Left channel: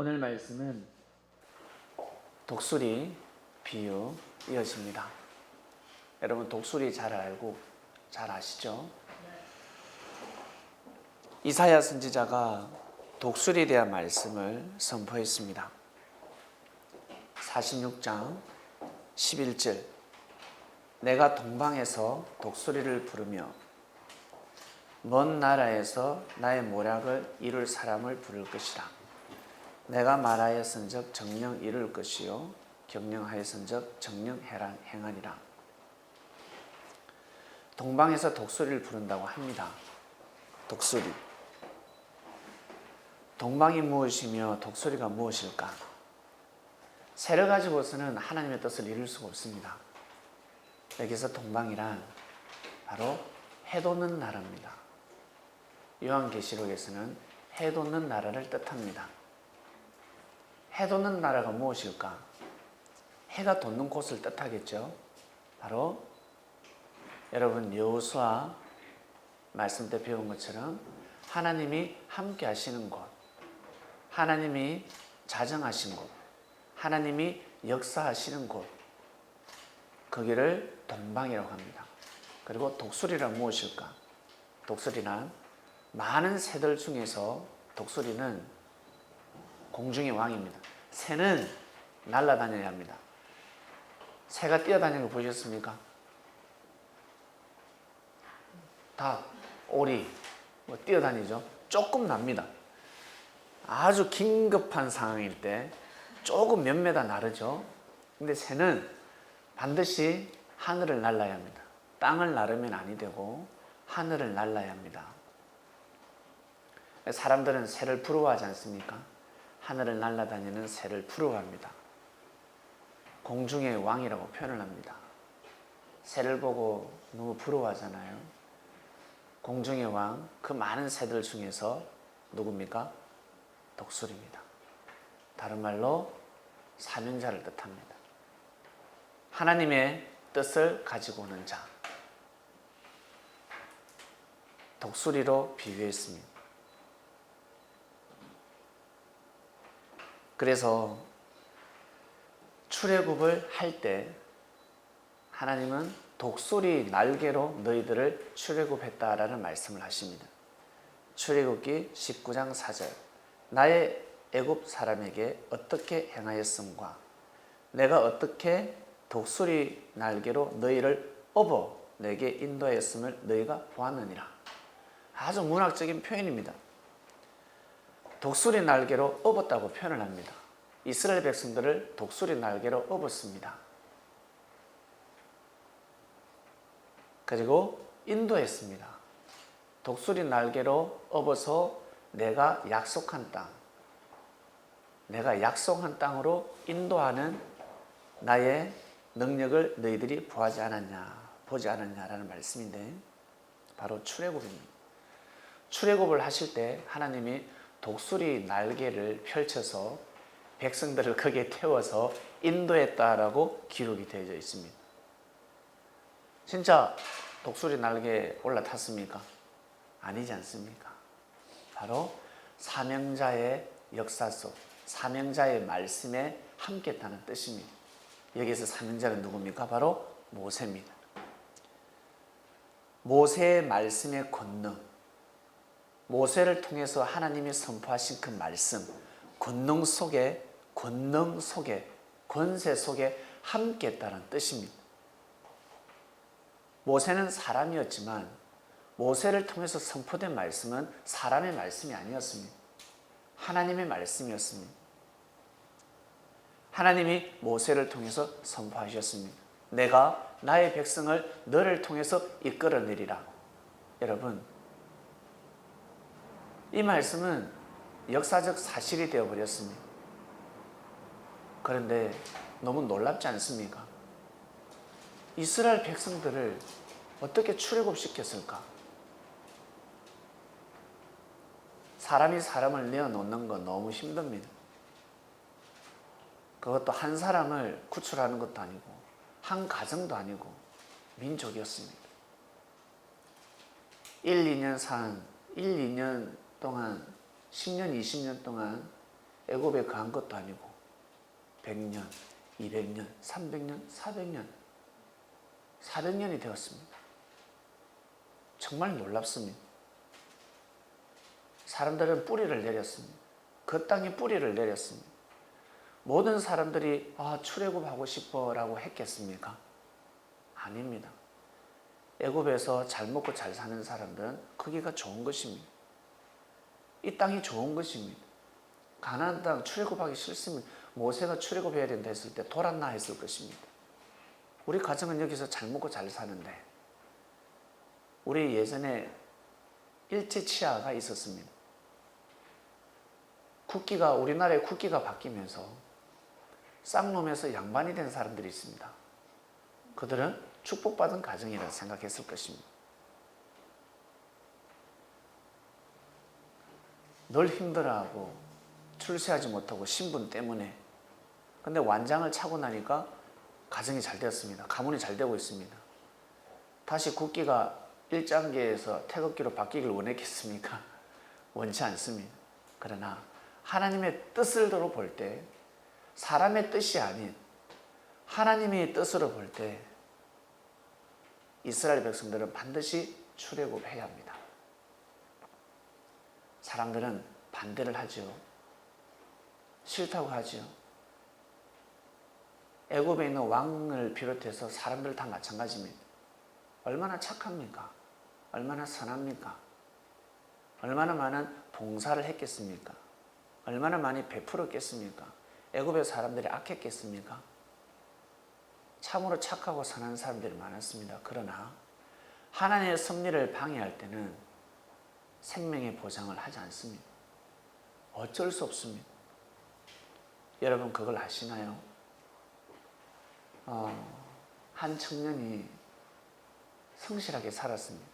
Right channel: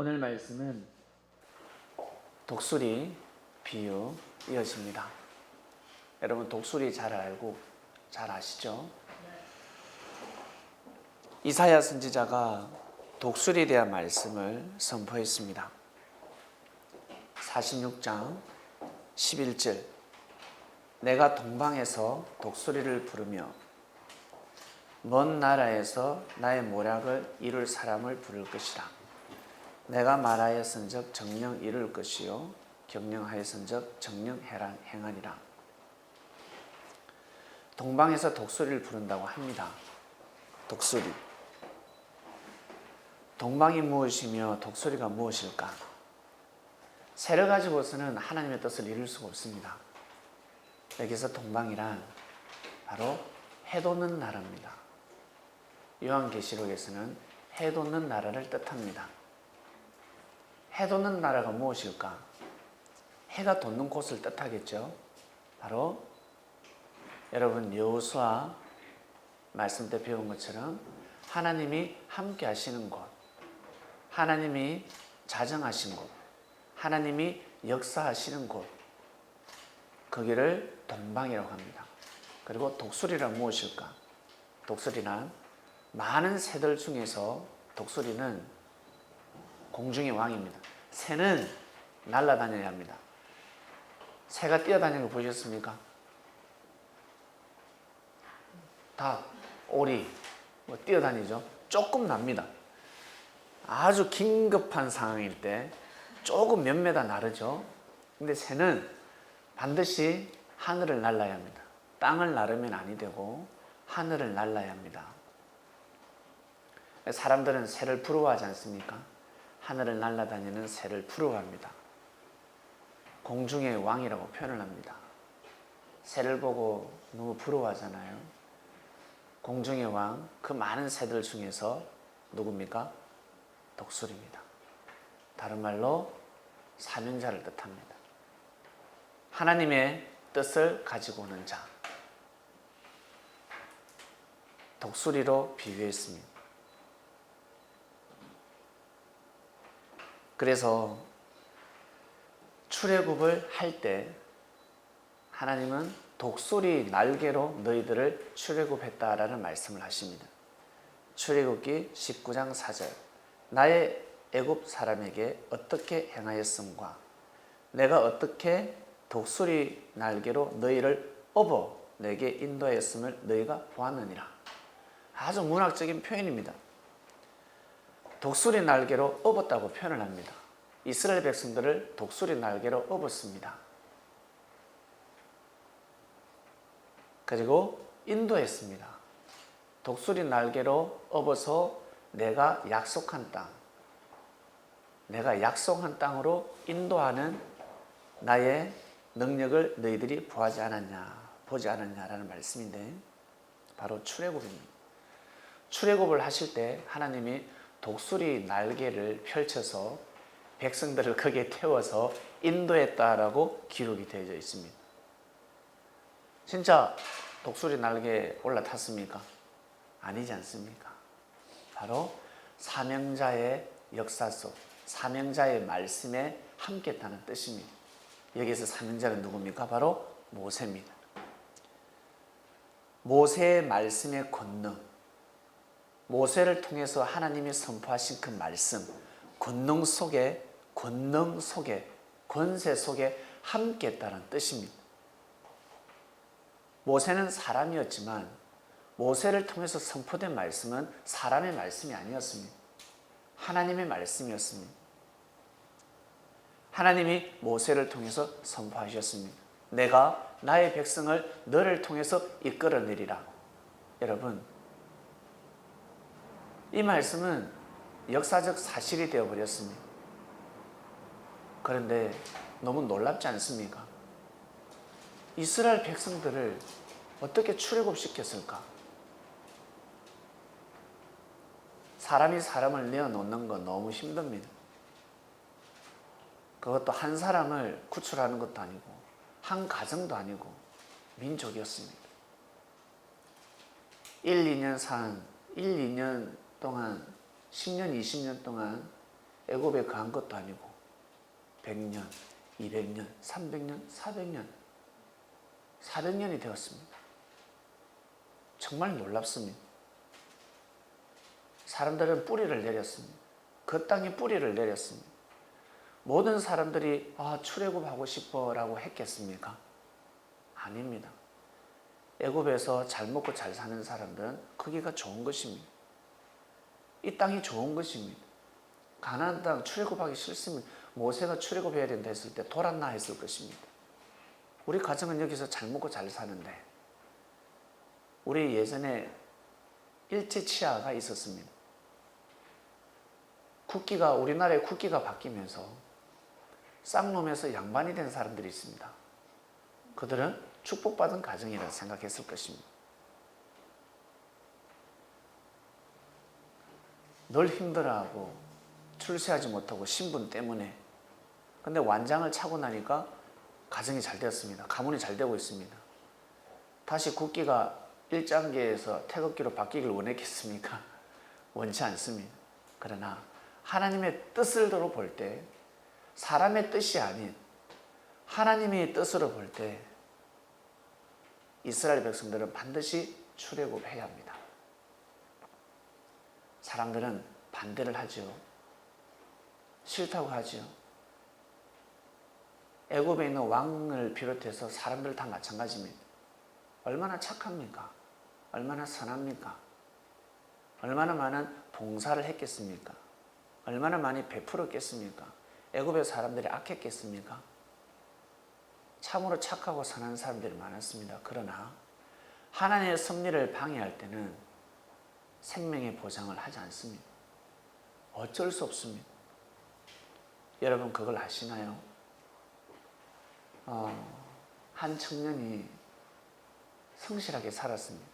오늘 말씀은 독수리 비유 이어집니다. 여러분 독수리 잘 알고 잘 아시죠? 이사야 선지자가 독수리에 대한 말씀을 선포했습니다. 46장 11절 내가 동방에서 독수리를 부르며 먼 나라에서 나의 모략을 이룰 사람을 부를 것이라. 내가 말하였은즉 정령 이룰 것이요 경영하였은즉 정령 행하리라. 동방에서 독수리를 부른다고 합니다. 독수리. 동방이 무엇이며 독수리가 무엇일까? 새를 가지고서는 하나님의 뜻을 이룰 수가 없습니다. 여기서 동방이란 바로 해 돋는 나라입니다. 요한계시록에서는 해 돋는 나라를 뜻합니다. 해 돋는 나라가 무엇일까? 해가 돋는 곳을 뜻하겠죠. 바로 여러분 여호수아 말씀 때 배운 것처럼 하나님이 함께 하시는 곳, 하나님이 자정하신 곳, 하나님이 역사하시는 곳, 거기를 동방이라고 합니다. 그리고 독수리란 무엇일까? 독수리란 많은 새들 중에서 독수리는 공중의 왕입니다. 새는 날아다녀야 합니다. 새가 뛰어다니는 거 보셨습니까? 닭, 오리 뛰어다니죠. 조금 납니다. 아주 긴급한 상황일 때 조금 몇 메다 나르죠. 근데 새는 반드시 하늘을 날아야 합니다. 땅을 나르면 아니 되고 하늘을 날아야 합니다. 사람들은 새를 부러워하지 않습니까? 하늘을 날아다니는 새를 부러워합니다. 공중의 왕이라고 표현을 합니다. 새를 보고 너무 부러워하잖아요. 공중의 왕, 그 많은 새들 중에서 누굽니까? 독수리입니다. 다른 말로 사명자를 뜻합니다. 하나님의 뜻을 가지고 오는 자. 독수리로 비유했습니다. 그래서 출애굽을 할 때 하나님은 독수리 날개로 너희들을 출애굽했다라는 말씀을 하십니다. 출애굽기 19장 4절 나의 애굽 사람에게 어떻게 행하였음과 내가 어떻게 독수리 날개로 너희를 업어 내게 인도하였음을 너희가 보았느니라. 아주 문학적인 표현입니다. 독수리 날개로 업었다고 표현을 합니다. 이스라엘 백성들을 독수리 날개로 업었습니다. 그리고 인도했습니다. 독수리 날개로 업어서 내가 약속한 땅, 내가 약속한 땅으로 인도하는 나의 능력을 너희들이 보지 않았냐라는 말씀인데 바로 출애굽입니다. 출애굽을 하실 때 하나님이 독수리 날개를 펼쳐서 백성들을 거기에 태워서 인도했다라고 기록이 되어져 있습니다. 진짜 독수리 날개에 올라탔습니까? 아니지 않습니까? 바로 사명자의 역사 속, 사명자의 말씀에 함께했다는 뜻입니다. 여기서 사명자는 누굽니까? 바로 모세입니다. 모세의 말씀의 권능, 모세를 통해서 하나님이 선포하신 그 말씀, 권능 속에, 권세 속에 함께했다는 뜻입니다. 모세는 사람이었지만 모세를 통해서 선포된 말씀은 사람의 말씀이 아니었습니다. 하나님의 말씀이었습니다. 하나님이 모세를 통해서 선포하셨습니다. 내가 나의 백성을 너를 통해서 이끌어내리라. 여러분, 이 말씀은 역사적 사실이 되어버렸습니다. 그런데 너무 놀랍지 않습니까? 이스라엘 백성들을 어떻게 출애굽시켰을까? 사람이 사람을 내어놓는 건 너무 힘듭니다. 그것도 한 사람을 구출하는 것도 아니고 한 가정도 아니고 민족이었습니다. 1, 2년 동안 10년, 20년 동안 애굽에 거한 것도 아니고 100년, 200년, 300년, 400년, 400년이 되었습니다. 정말 놀랍습니다. 사람들은 뿌리를 내렸습니다. 그 땅에 뿌리를 내렸습니다. 모든 사람들이 출애굽하고 싶어 라고 했겠습니까? 아닙니다. 애굽에서 잘 먹고 잘 사는 사람들은 거기가 좋은 것입니다. 이 땅이 좋은 것입니다. 가나안 땅 출애굽하기 싫으면 모세가 출애굽해야 된다 했을 때 돌았나 했을 것입니다. 우리 가정은 여기서 잘 먹고 잘 사는데, 우리 예전에 일제치하가 있었습니다. 우리나라의 국기가 바뀌면서 쌍놈에서 양반이 된 사람들이 있습니다. 그들은 축복받은 가정이라 생각했을 것입니다. 늘 힘들어하고 출세하지 못하고 신분 때문에. 근데 완장을 차고 나니까 가정이 잘 되었습니다. 가문이 잘 되고 있습니다. 다시 국기가 일장계에서 태극기로 바뀌길 원했겠습니까? 원치 않습니다. 그러나 하나님의 뜻으로 볼 때, 사람의 뜻이 아닌 하나님의 뜻으로 볼 때 이스라엘 백성들은 반드시 출애굽해야 합니다. 사람들은 반대를 하죠. 싫다고 하죠. 애굽에 있는 왕을 비롯해서 사람들 다 마찬가지입니다. 얼마나 착합니까? 얼마나 선합니까? 얼마나 많은 봉사를 했겠습니까? 얼마나 많이 베풀었겠습니까? 애굽의 사람들이 악했겠습니까? 참으로 착하고 선한 사람들이 많았습니다. 그러나 하나님의 섭리를 방해할 때는 생명의 보장을 하지 않습니다. 어쩔 수 없습니다. 여러분 그걸 아시나요? 한 청년이 성실하게 살았습니다.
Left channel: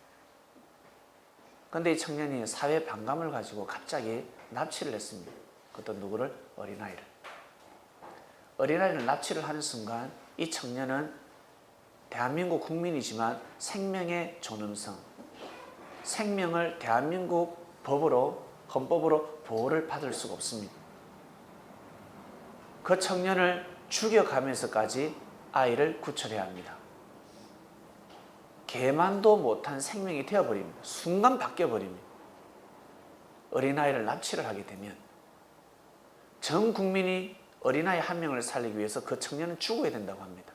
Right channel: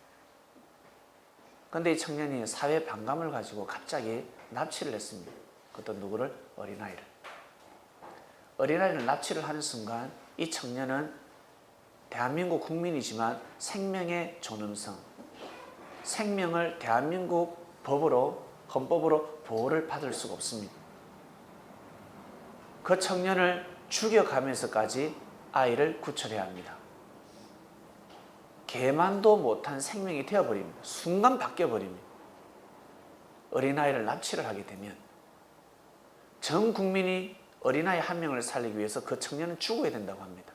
그런데 이 청년이 사회 반감을 가지고 갑자기 납치를 했습니다. 그것도 누구를? 어린아이를. 어린아이를 납치를 하는 순간 이 청년은 대한민국 국민이지만 생명의 존엄성, 생명을 대한민국 헌법으로 보호를 받을 수가 없습니다. 그 청년을 죽여가면서까지 아이를 구출해야 합니다. 개만도 못한 생명이 되어버립니다. 순간 바뀌어버립니다. 어린아이를 납치를 하게 되면 전 국민이 어린아이 한 명을 살리기 위해서 그 청년은 죽어야 된다고 합니다.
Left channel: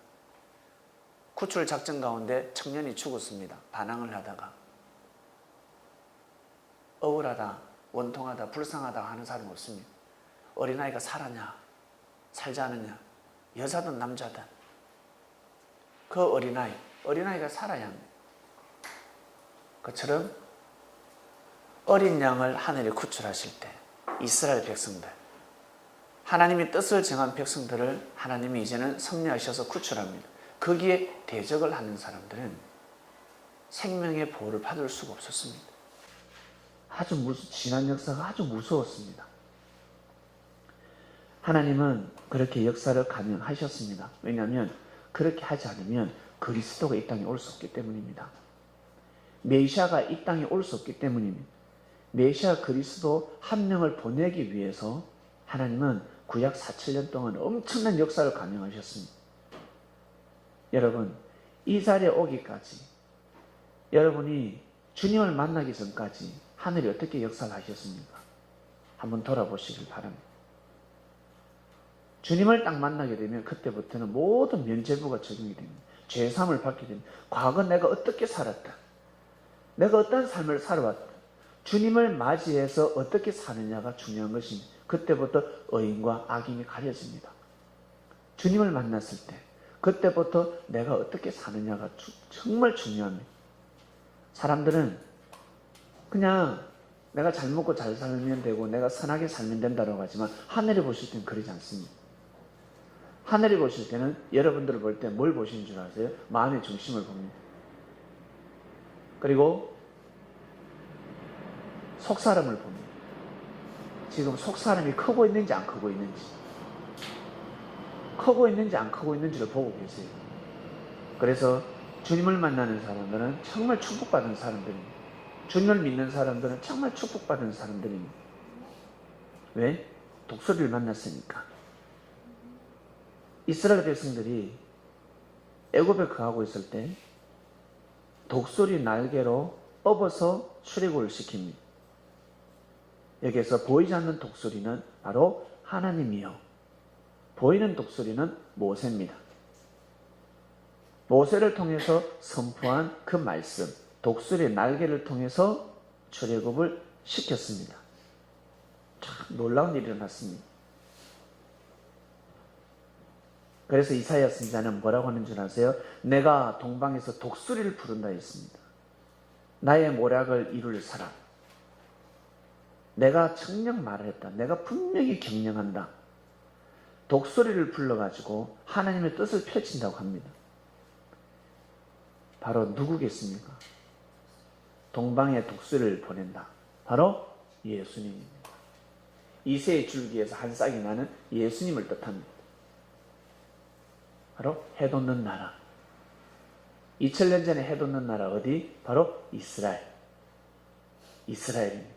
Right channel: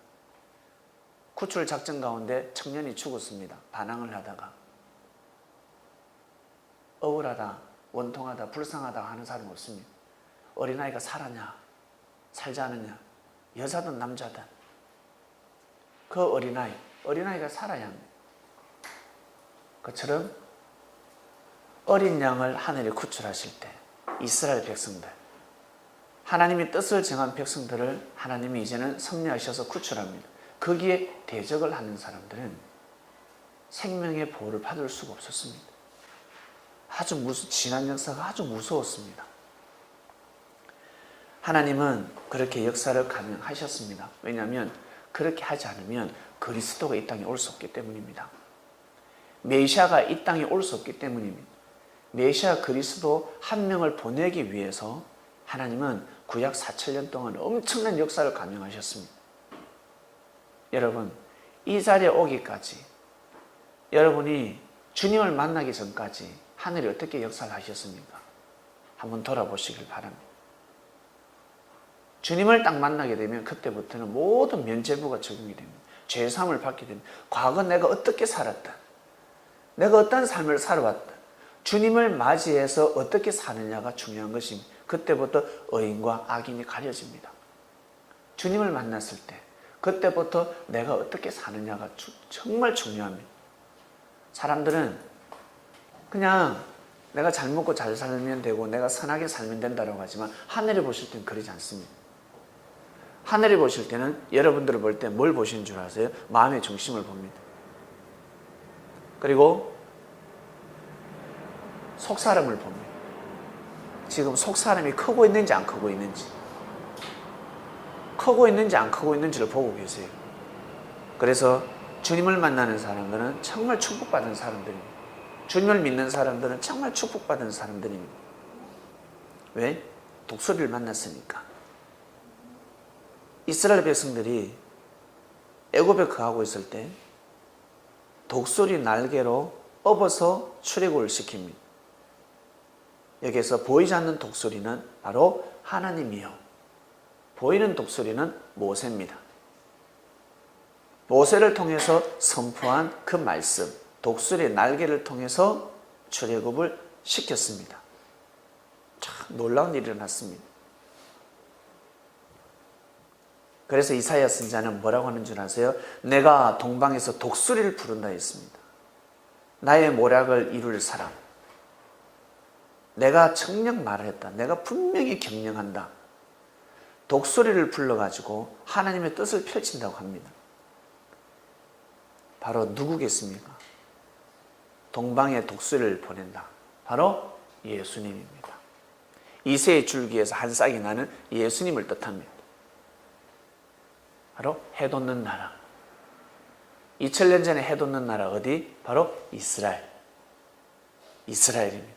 구출 작전 가운데 청년이 죽었습니다. 반항을 하다가. 억울하다, 원통하다, 불쌍하다 하는 사람은 없습니다. 어린아이가 살았냐, 살지 않느냐, 여자든 남자든 그 어린아이가 살아야 합니다. 그처럼 어린 양을 하늘에 구출하실 때 이스라엘 백성들, 하나님이 뜻을 정한 백성들을 하나님이 이제는 섭리하셔서 구출합니다. 거기에 대적을 하는 사람들은 생명의 보호를 받을 수가 없었습니다. 지난 역사가 아주 무서웠습니다. 하나님은 그렇게 역사를 가능하셨습니다. 왜냐하면 그렇게 하지 않으면 그리스도가 이 땅에 올 수 없기 때문입니다. 메시아가 이 땅에 올 수 없기 때문입니다. 메시아 그리스도 한 명을 보내기 위해서 하나님은 구약 4,000년 동안 엄청난 역사를 감행하셨습니다. 여러분, 이 자리에 오기까지, 여러분이 주님을 만나기 전까지 하늘이 어떻게 역사를 하셨습니까? 한번 돌아보시길 바랍니다. 주님을 딱 만나게 되면 그때부터는 모든 면죄부가 적용이 됩니다. 죄사함을 받게 됩니다. 과거 내가 어떻게 살았다, 내가 어떤 삶을 살아왔다, 주님을 맞이해서 어떻게 사느냐가 중요한 것입니다. 그때부터 의인과 악인이 가려집니다. 주님을 만났을 때 그때부터 내가 어떻게 사느냐가 정말 중요합니다. 사람들은 그냥 내가 잘 먹고 잘 살면 되고 내가 선하게 살면 된다고 하지만 하늘이 보실 때는 그러지 않습니다. 하늘이 보실 때는 여러분들을 볼 때 뭘 보시는 줄 아세요? 마음의 중심을 봅니다. 그리고 속사람을 봅니다. 지금 속사람이 크고 있는지 안 크고 있는지, 크고 있는지 안 크고 있는지를 보고 계세요. 그래서 주님을 만나는 사람들은 정말 축복받은 사람들입니다. 주님을 믿는 사람들은 정말 축복받은 사람들입니다. 왜? 독수리를 만났으니까. 이스라엘 백성들이 애굽에 거하고 있을 때 독수리 날개로 업어서 출애굽을 시킵니다. 여기에서 보이지 않는 독수리는 바로 하나님이요, 보이는 독수리는 모세입니다. 모세를 통해서 선포한 그 말씀, 독수리 날개를 통해서 출애굽을 시켰습니다. 참 놀라운 일이 일어났습니다. 그래서 이사야 선지자는 뭐라고 하는 줄 아세요? 내가 동방에서 독수리를 부른다 했습니다. 나의 모략을 이룰 사람. 내가 청령 말을 했다. 내가 분명히 경영한다. 독수리를 불러가지고 하나님의 뜻을 펼친다고 합니다. 바로 누구겠습니까? 동방에 독수리를 보낸다. 바로 예수님입니다. 이새의 줄기에서 한 싹이 나는 예수님을 뜻합니다. 바로 해돋는 나라. 2000년 전에 해돋는 나라 어디? 바로 이스라엘. 이스라엘입니다.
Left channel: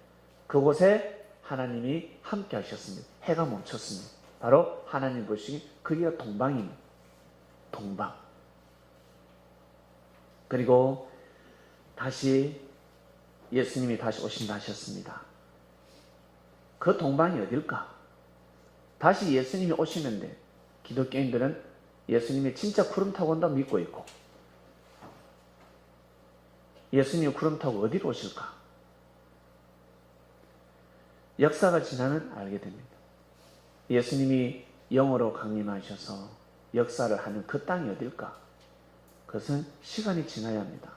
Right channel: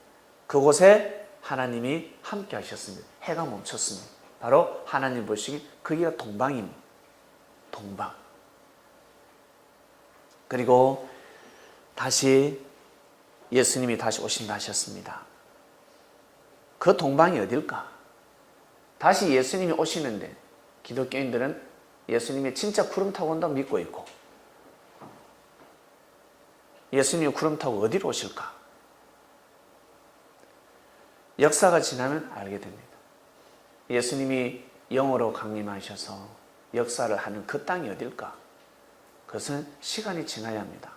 그곳에 하나님이 함께 하셨습니다. 해가 멈췄습니다. 바로 하나님 보시기 거기가 동방입니다. 동방. 그리고 다시 예수님이 다시 오신다 하셨습니다. 그 동방이 어딜까? 다시 예수님이 오시는데 기독교인들은 예수님이 진짜 구름 타고 온다고 믿고 있고, 예수님이 구름 타고 어디로 오실까? 역사가 지나면 알게 됩니다. 예수님이 영으로 강림하셔서 역사를 하는 그 땅이 어딜까? 그것은 시간이 지나야 합니다.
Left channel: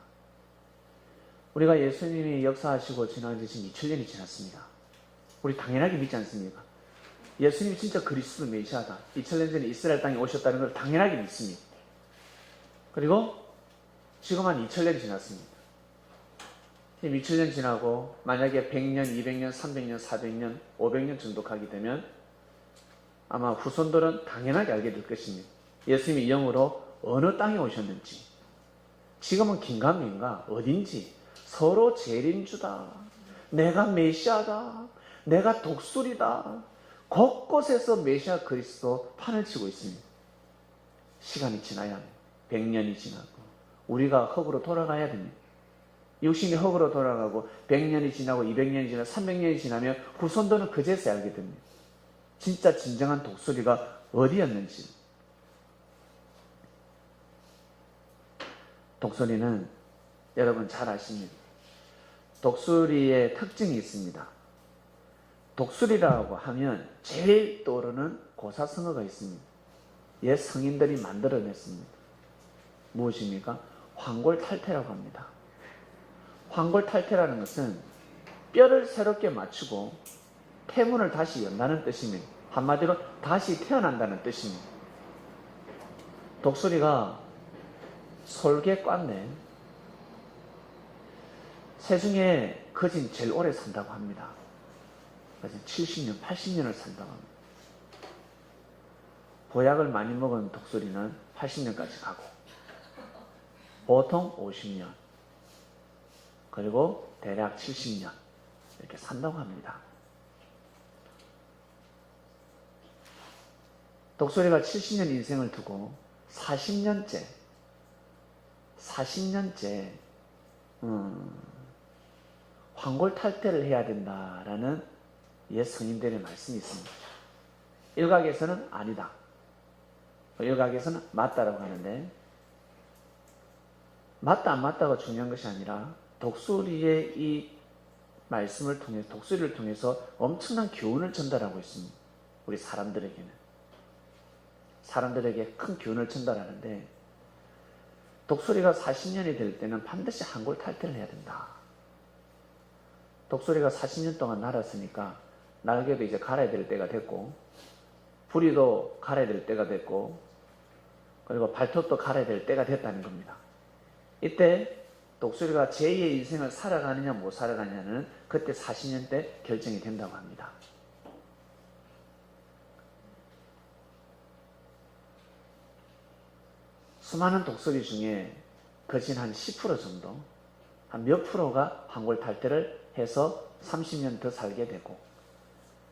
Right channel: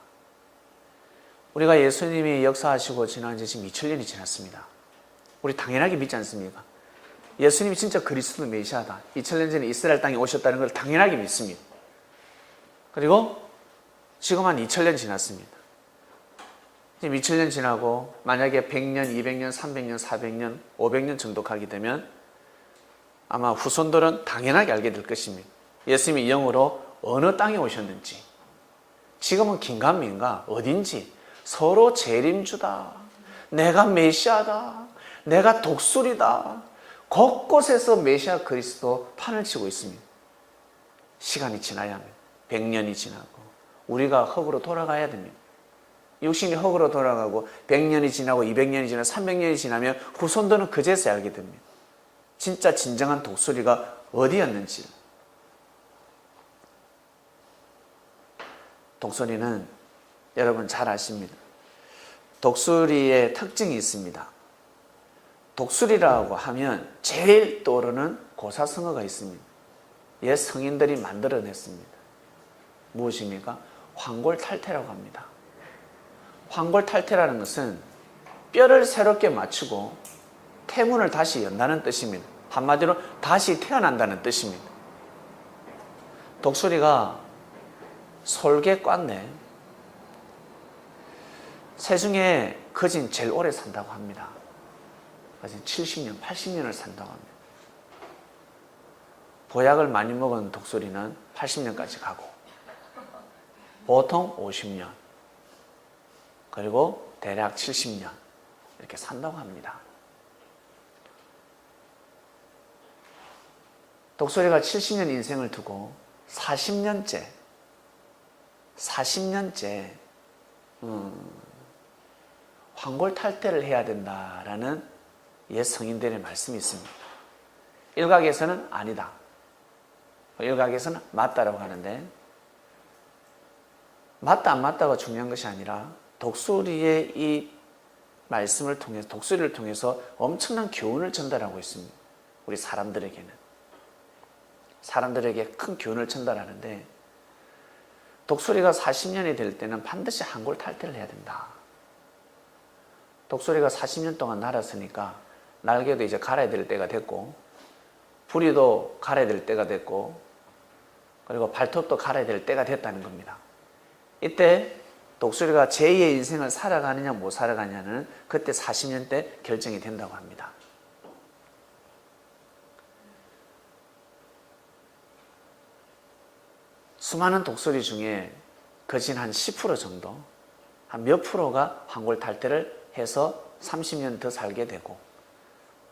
우리가 예수님이 역사하시고 지난 지 지금 2000년이 지났습니다. 우리 당연하게 믿지 않습니까? 예수님이 진짜 그리스도 메시아다. 2000년 전에 이스라엘 땅에 오셨다는 걸 당연하게 믿습니다. 그리고 지금 한 2000년 지났습니다. 지금 2000년 지나고 만약에 100년, 200년, 300년, 400년, 500년 정도 가게 되면 아마 후손들은 당연하게 알게 될 것입니다. 예수님이 영으로 어느 땅에 오셨는지, 지금은 긴가민가 어딘지 서로 재림주다, 내가 메시아다, 내가 독수리다, 곳곳에서 메시아 그리스도 판을 치고 있습니다. 시간이 지나야 합니다. 100년이 지나고 우리가 흙으로 돌아가야 됩니다. 육신이 흙으로 돌아가고 100년이 지나고 200년이 지나고 300년이 지나면 후손들은 그제서야 알게 됩니다. 진짜 진정한 독수리가 어디였는지. 독수리는 여러분 잘 아십니다. 독수리의 특징이 있습니다. 독수리라고 하면 제일 떠오르는 고사성어가 있습니다. 옛 성인들이 만들어냈습니다. 무엇입니까? 황골탈퇴라고 합니다. 황골탈퇴라는 것은 뼈를 새롭게 맞추고 태문을 다시 연다는 뜻입니다. 한마디로 다시 태어난다는 뜻입니다. 독수리가 솔개 꽌네. 새 중에 거진 제일 오래 산다고 합니다. 아직 70년, 80년을 산다고 합니다. 보약을 많이 먹은 독수리는 80년까지 가고 보통 50년 그리고 대략 70년 이렇게 산다고 합니다. 독수리가 70년 인생을 두고 40년째 황골탈퇴를 해야 된다라는 옛 성인들의 말씀이 있습니다. 일각에서는 아니다, 일각에서는 맞다라고 하는데, 맞다 안 맞다가 중요한 것이 아니라 독수리의 이 말씀을 통해서, 독수리를 통해서 엄청난 교훈을 전달하고 있습니다. 우리 사람들에게 큰 교훈을 전달하는데, 독수리가 40년이 될 때는 반드시 황골탈퇴를 해야 된다. 독수리가 40년 동안 날았으니까 날개도 이제 갈아야 될 때가 됐고, 부리도 갈아야 될 때가 됐고, 그리고 발톱도 갈아야 될 때가 됐다는 겁니다. 이때 독수리가 제2의 인생을 살아가느냐 못 살아가느냐는 그때 40년 때 결정이 된다고 합니다. 수많은 독수리 중에 거진 한 10% 정도, 한 몇 프로가 황골탈퇴를 해서 30년 더 살게 되고,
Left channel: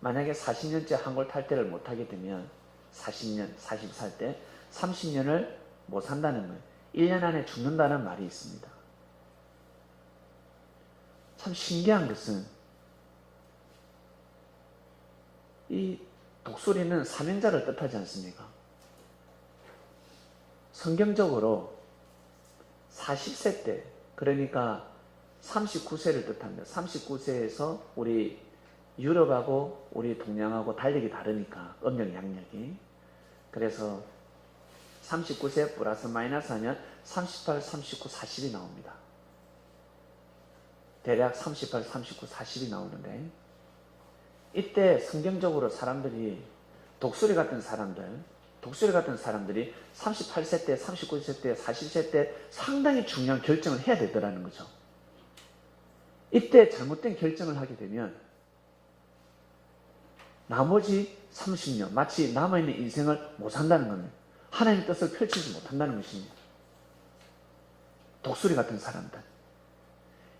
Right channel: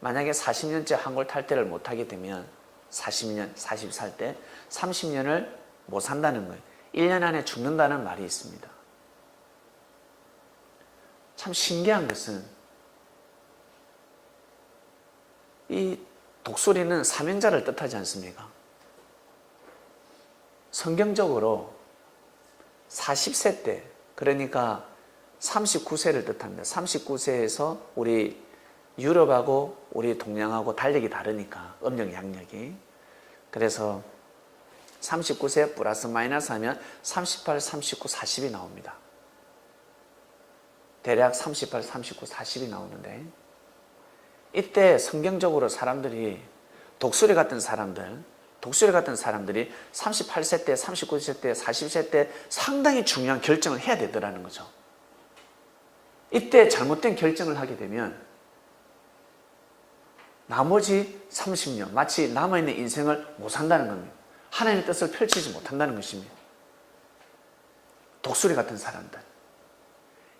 만약에 40년째 환골 탈태를 못하게 되면 40년, 40살 때 30년을 못 산다는 거예요. 1년 안에 죽는다는 말이 있습니다. 참 신기한 것은 이 독수리는 사명자를 뜻하지 않습니까? 성경적으로 40세 때, 그러니까 39세를 뜻합니다. 39세에서 우리 유럽하고 우리 동양하고 달력이 다르니까 음력 양력이. 그래서 39세 플러스 마이너스 하면 38, 39, 40이 나옵니다. 대략 38, 39, 40이 나오는데 이때 성경적으로 사람들이 독수리 같은 사람들이 38세 때, 39세 때, 40세 때 상당히 중요한 결정을 해야 되더라는 거죠. 이때 잘못된 결정을 하게 되면 나머지 30년, 마치 남아있는 인생을 못 산다는 겁니다. 하나님의 뜻을 펼치지 못한다는 것입니다. 독수리 같은 사람들,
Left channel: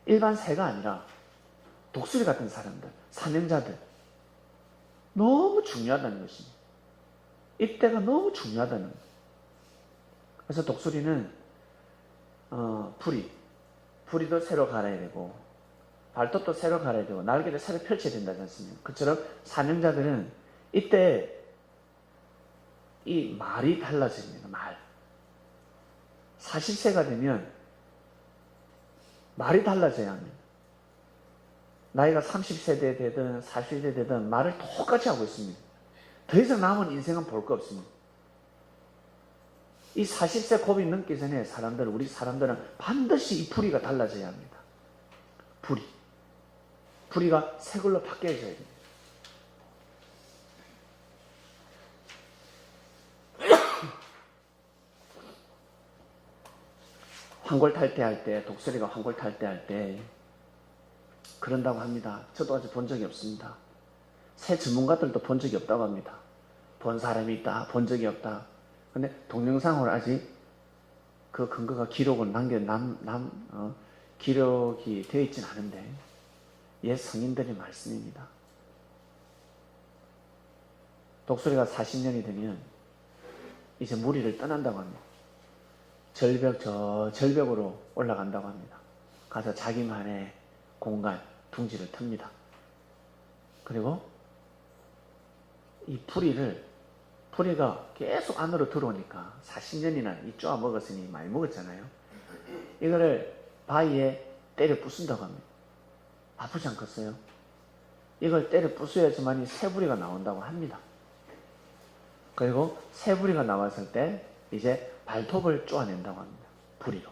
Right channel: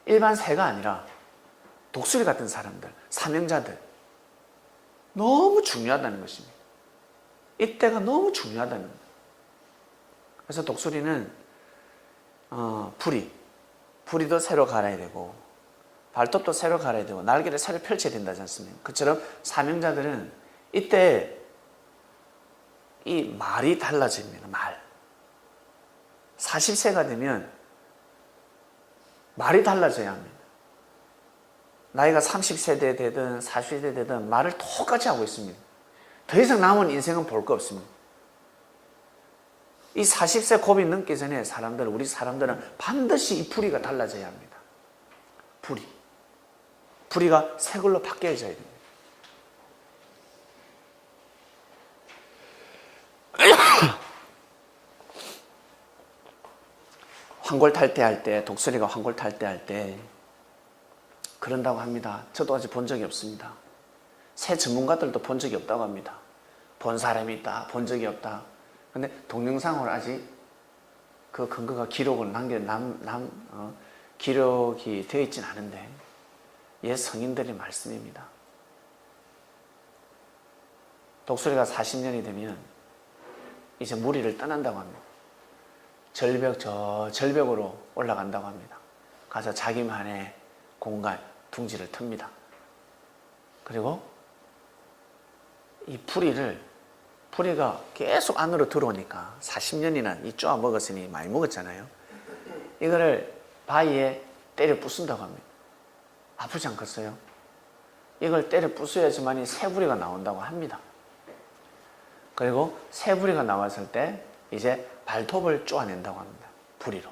일반 새가 아니라 독수리 같은 사람들, 사명자들, 너무 중요하다는 것입니다. 이때가 너무 중요하다는 거예요. 그래서 독수리는 부리도 새로 갈아야 되고 발톱도 새로 갈아야 되고 날개를 새로 펼쳐야 된다지 않습니까? 그처럼 사명자들은 이때 이 말이 달라집니다. 말. 40세가 되면 말이 달라져야 합니다. 나이가 30세대 되든 40세대 되든 말을 똑같이 하고 있습니다. 더 이상 남은 인생은 볼 거 없습니다. 이 40세 고비 넘기 전에 우리 사람들은 반드시 이 부리가 달라져야 합니다. 부리가 새 걸로 바뀌어져야 됩니다. 황골탈퇴할 때, 독수리가 황골탈퇴할 때 그런다고 합니다. 저도 아직 본 적이 없습니다. 새 전문가들도 본 적이 없다고 합니다. 본 사람이 있다, 본 적이 없다. 근데 동영상으로 아직 그 근거가 기록을 기록이 되어 있진 않은데 옛 성인들의 말씀입니다. 독수리가 40년이 되면 이제 무리를 떠난다고 합니다. 절벽으로 올라간다고 합니다. 가서 자기만의 공간, 둥지를 틉니다. 그리고 이 부리가 계속 안으로 들어오니까 40년이나 이 쪼아 먹었으니 많이 먹었잖아요. 이거를 바위에 때려 부순다고 합니다. 아프지 않겠어요? 이걸 때려 부숴야지만이 새부리가 나온다고 합니다. 그리고 새부리가 나왔을 때 이제 발톱을 쪼아낸다고 합니다. 부리로.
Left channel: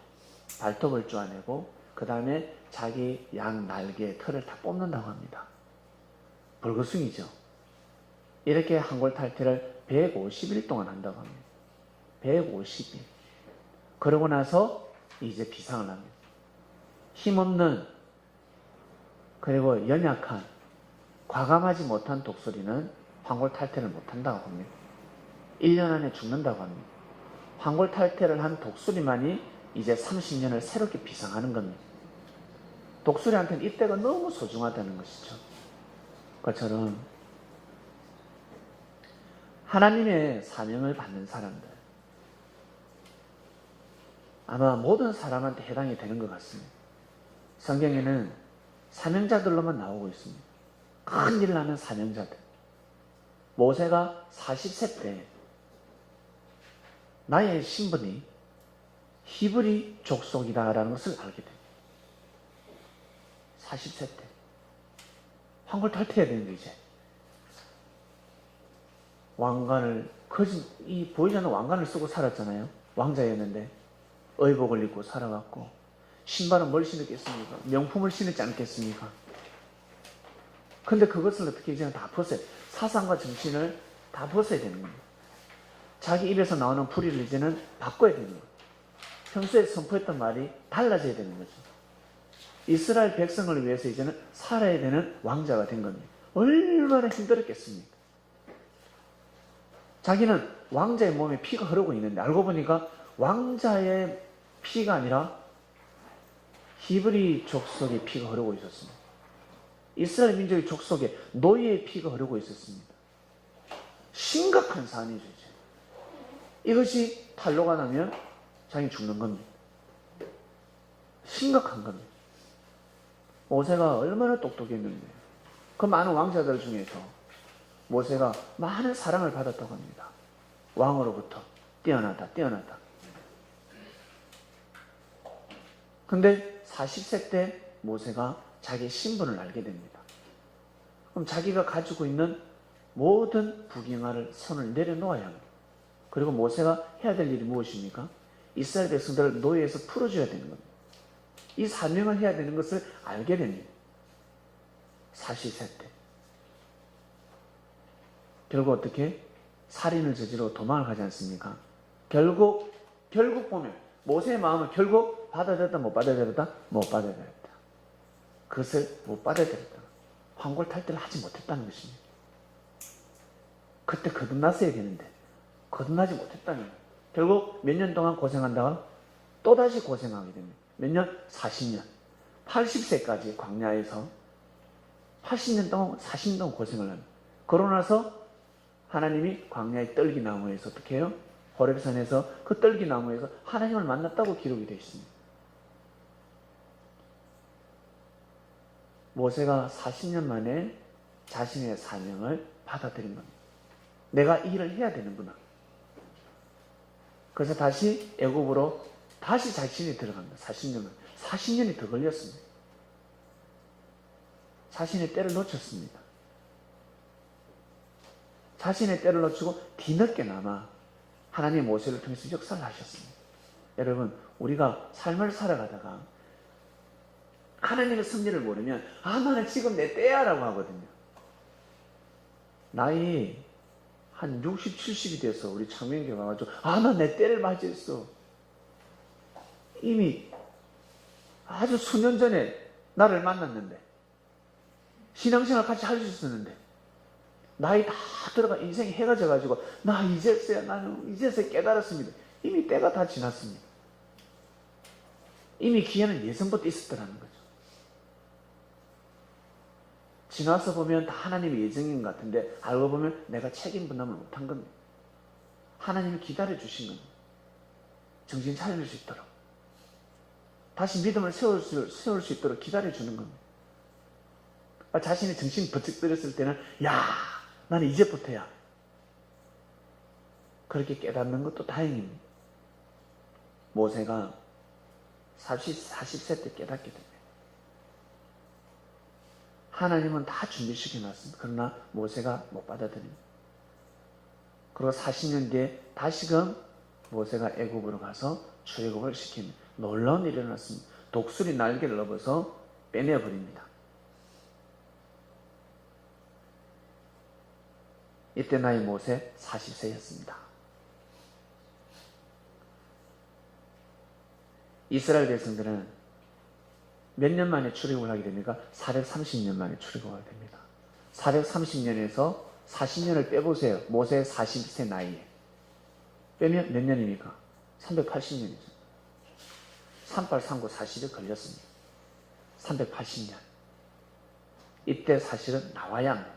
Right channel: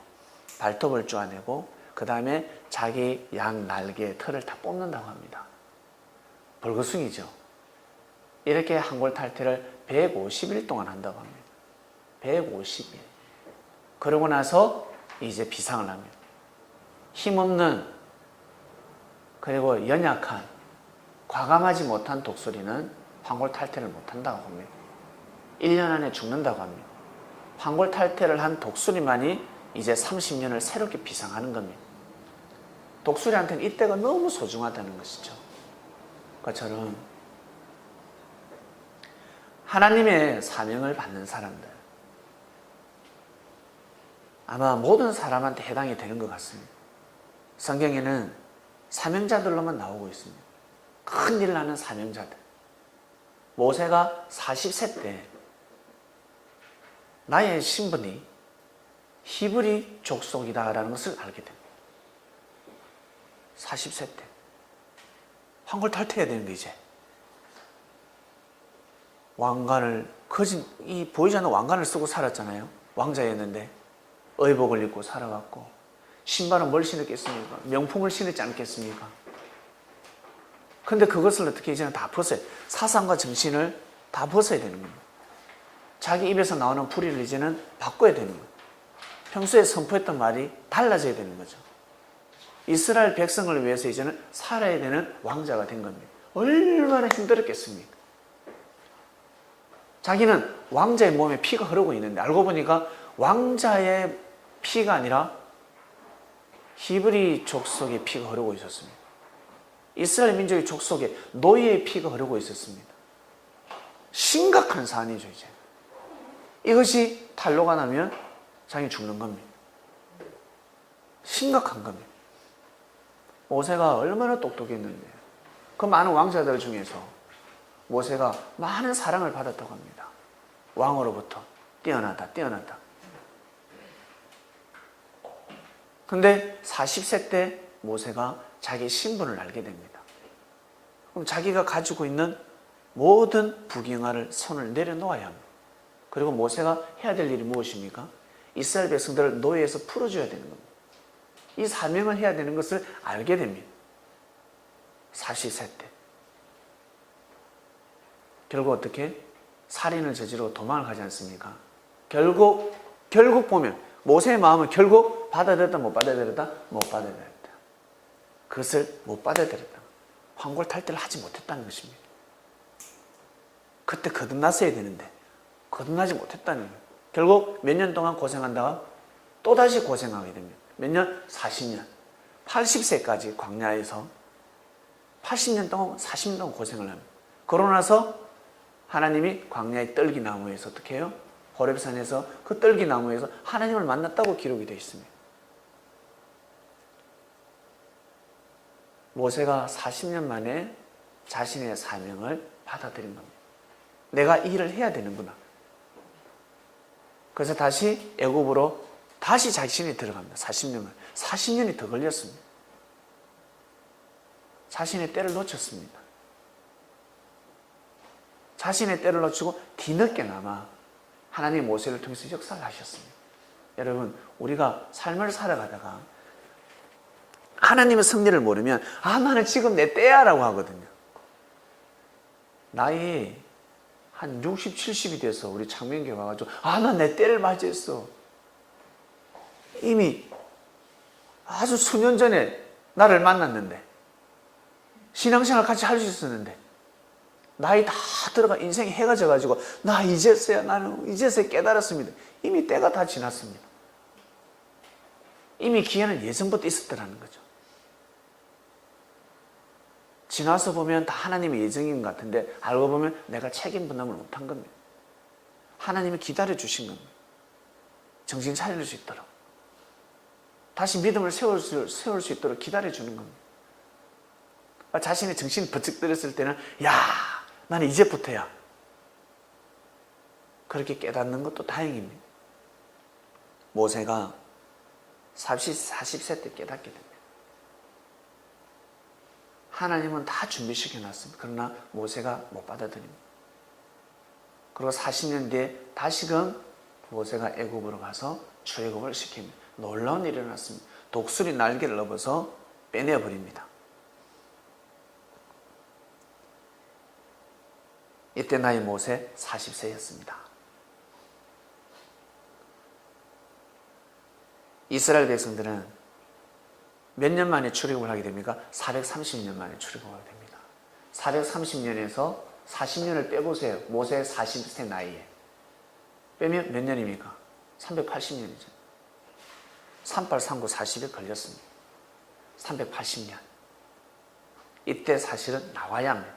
발톱을 쪼아내고 그 다음에 자기 양 날개의 털을 다 뽑는다고 합니다. 벌거숭이죠. 이렇게 황골탈퇴를 150일 동안 한다고 합니다. 150일. 그러고 나서 이제 비상을 합니다. 힘없는 그리고 연약한 과감하지 못한 독수리는 황골탈퇴를 못한다고 봅니다. 1년 안에 죽는다고 합니다. 황골탈퇴를 한 독수리만이 이제 30년을 새롭게 비상하는 겁니다. 독수리한테는 이때가 너무 소중하다는 것이죠. 그처럼 하나님의 사명을 받는 사람들, 아마 모든 사람한테 해당이 되는 것 같습니다. 성경에는 사명자들로만 나오고 있습니다. 큰일 나는 사명자들. 모세가 40세 때 나의 신분이 히브리 족속이다라는 것을 알게 됩니다. 40세 때 황골탈퇴해야 되는 게 이제 왕관을 이 보이지 않는 왕관을 쓰고 살았잖아요. 왕자였는데 의복을 입고 살아갔고 신발은 뭘 신었겠습니까? 명품을 신었지 않겠습니까? 근데 그것을 어떻게 이제는 다 벗어요. 사상과 정신을 다 벗어야 되는 겁니다. 자기 입에서 나오는 부리를 이제는 바꿔야 되는 거예요. 평소에 선포했던 말이 달라져야 되는 거죠. 이스라엘 백성을 위해서 이제는 살아야 되는 왕자가 된 겁니다. 얼마나 힘들었겠습니까? 자기는 왕자의 몸에 피가 흐르고 있는데 알고 보니까 왕자의 피가 아니라 히브리 족속의 피가 흐르고 있었습니다. 이스라엘 민족의 족속에 노예의 피가 흐르고 있었습니다. 심각한 사안이죠. 이제 이것이 탄로가 나면 자기 죽는 겁니다. 심각한 겁니다. 모세가 얼마나 똑똑했는데 그 많은 왕자들 중에서 모세가 많은 사랑을 받았다고 합니다. 왕으로부터 뛰어나다. 근데 40세 때 모세가 자기 신분을 알게 됩니다. 그럼 자기가 가지고 있는 모든 부경화를 손을 내려놓아야 합니다. 그리고 모세가 해야 될 일이 무엇입니까? 이스라엘 백성들을 노예에서 풀어줘야 되는 겁니다. 이 사명을 해야 되는 것을 알게 됩니다. 40세 때. 결국 어떻게? 살인을 저지르고 도망을 가지 않습니까? 결국 보면 모세의 마음은 결국 받아들였다 못 받아들였다? 못 받아들였다. 그것을 못 받아들였다. 환골탈태를 하지 못했다는 것입니다. 그때 거듭났어야 되는데 거듭나지 못했다는 거예요. 결국 몇 년 동안 고생한다가 또다시 고생하게 됩니다. 몇 년? 40년. 80세까지 광야에서 80년 동안 40년 동안 고생을 합니다. 그러고 나서 하나님이 광야의 떨기나무에서 어떻게 해요? 호렙산에서 그 떨기나무에서 하나님을 만났다고 기록이 되어 있습니다. 모세가 40년 만에 자신의 사명을 받아들인 겁니다. 내가 이 일을 해야 되는구나. 그래서 다시 애굽으로 다시 자신이 들어갑니다. 40년이 더 걸렸습니다. 자신의 때를 놓쳤습니다. 자신의 때를 놓치고 뒤늦게나마 하나님이 모세를 통해서 역사를 하셨습니다. 여러분, 우리가 삶을 살아가다가 하나님의 섭리를 모르면 나는 지금 내 때야 라고 하거든요. 나이 한 60, 70이 돼서 우리 창명교회 와가지고 난 내 때를 맞이했어. 이미 아주 수년 전에 나를 만났는데 신앙생활 같이 할 수 있었는데 나이 다 들어가 인생이 해가 져가지고 나는 이제서야 깨달았습니다. 이미 때가 다 지났습니다. 이미 기회는 예전부터 있었더라는 거죠. 지나서 보면 다 하나님의 예정인 것 같은데 알고 보면 내가 책임 분담을 못한 겁니다. 하나님이 기다려 주신 겁니다. 정신 차릴 수 있도록 다시 믿음을 세울 수 있도록 기다려 주는 겁니다. 자신의 정신이 번쩍 들었을 때는 나는 이제부터야. 그렇게 깨닫는 것도 다행입니다. 모세가 40세 때 깨닫게 됩니다. 하나님은 다 준비시켜놨습니다. 그러나 모세가 못 받아들입니다. 그리고 40년 뒤에 다시금 모세가 애굽으로 가서 출애굽을 시킵니다. 놀라운 일이 일어났습니다. 독수리 날개를 넘어서 빼내버립니다. 이때 나이 모세 40세였습니다. 이스라엘 백성들은 몇 년 만에 출애굽을 하게 됩니까? 430년 만에 출애굽을 하게 됩니다. 430년에서 40년을 빼보세요. 모세의 40세 나이에. 빼면 몇 년입니까? 380년이죠. 3839 40일 걸렸습니다. 380년. 이때 사실은 나와야 합니다.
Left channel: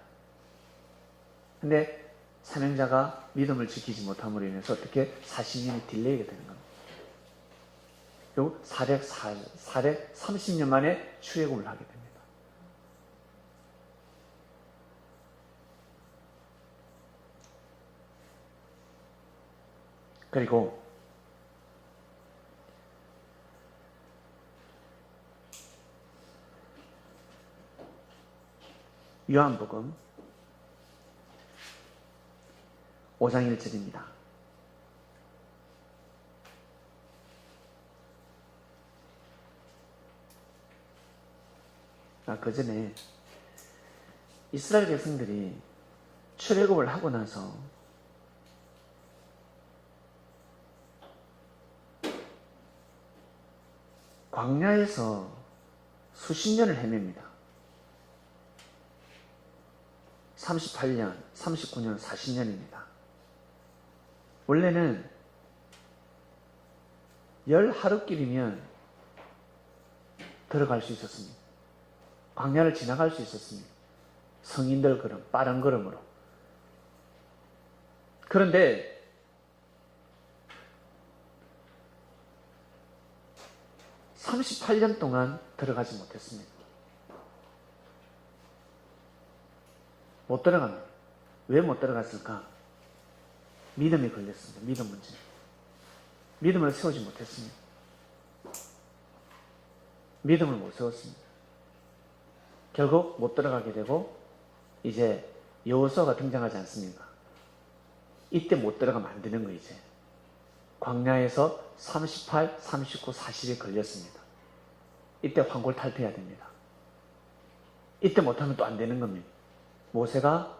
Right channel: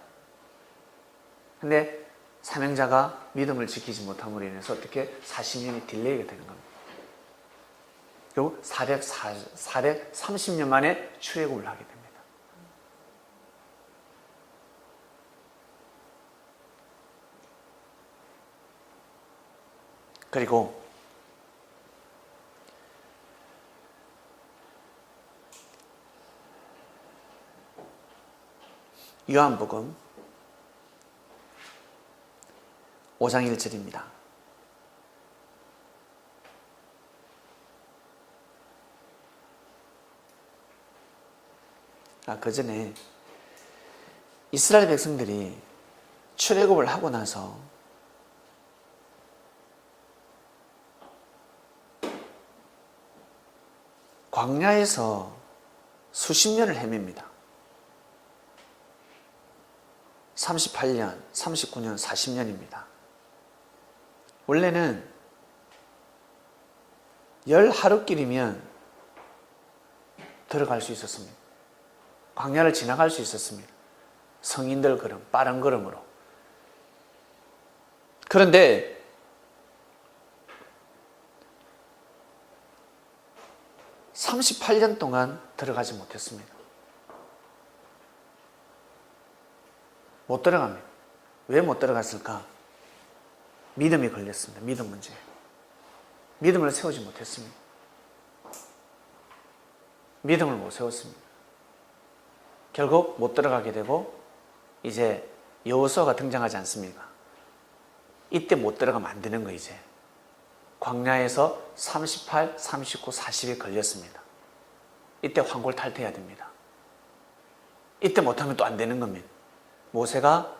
근데 사명자가 믿음을 지키지 못함으로 인해서 어떻게 40년이 딜레이가 되는 겁니다. 결국 430년 만에 출애굽을 하게 됩니다. 그리고 요한복음 5장 1절입니다. 그 전에 이스라엘 백성들이 출애굽을 하고 나서 광야에서 수십 년을 헤맵니다. 38년, 39년, 40년입니다. 원래는 10하루길이면 들어갈 수 있었습니다. 광야를 지나갈 수 있었습니다. 성인들 걸음, 빠른 걸음으로. 그런데 (38년) 동안 들어가지 못했습니다. 못 들어갑니다. 왜 못 들어갔을까? 믿음이 걸렸습니다. 믿음 문제. 믿음을 세우지 못했습니다. 믿음을 못 세웠습니다. 결국 못 들어가게 되고 이제 여호수아가 등장하지 않습니까? 이때 못 들어가면 안 되는 거예요. 이제 광야에서 38, 39, 40이 걸렸습니다. 이때 환골탈퇴해야 됩니다. 이때 못하면 또 안 되는 겁니다. 모세가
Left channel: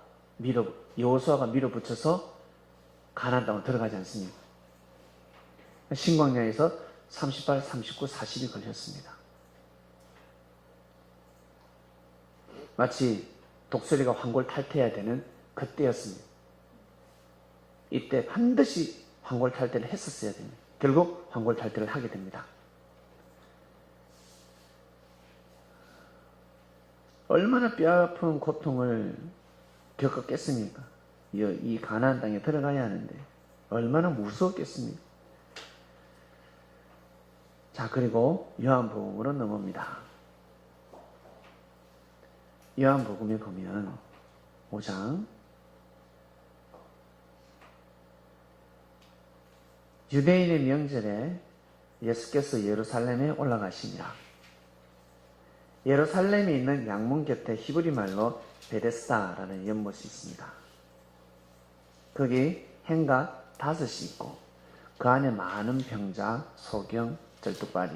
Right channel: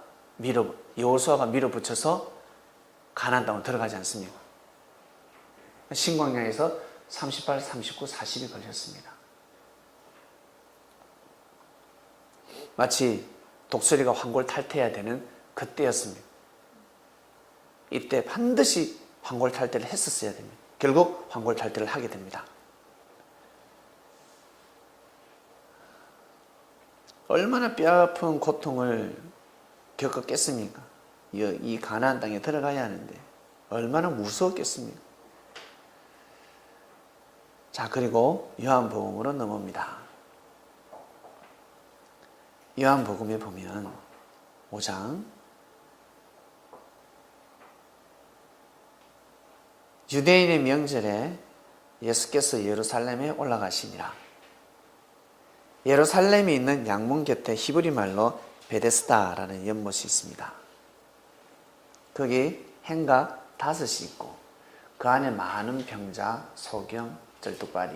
여호수아가 밀어붙여서 가나안 땅으로 들어가지 않습니까? 신광야에서 38, 39, 40이 걸렸습니다. 마치 독수리가 환골탈퇴해야 되는 그때였습니다. 이때 반드시 환골탈퇴를 했었어야 됩니다. 결국 환골탈퇴를 하게 됩니다. 얼마나 뼈아픈 고통을 겪었겠습니까? 이 가나안 땅에 들어가야 하는데 얼마나 무서웠겠습니까? 자, 그리고 요한복음으로 넘어옵니다. 요한복음에 보면 5장 유대인의 명절에 예수께서 예루살렘에 올라가시니라. 예루살렘에 있는 양문 곁에 히브리 말로 베데스다라는 연못이 있습니다. 거기 행가 5이 있고 그 안에 많은 병자, 소경, 절뚝발이,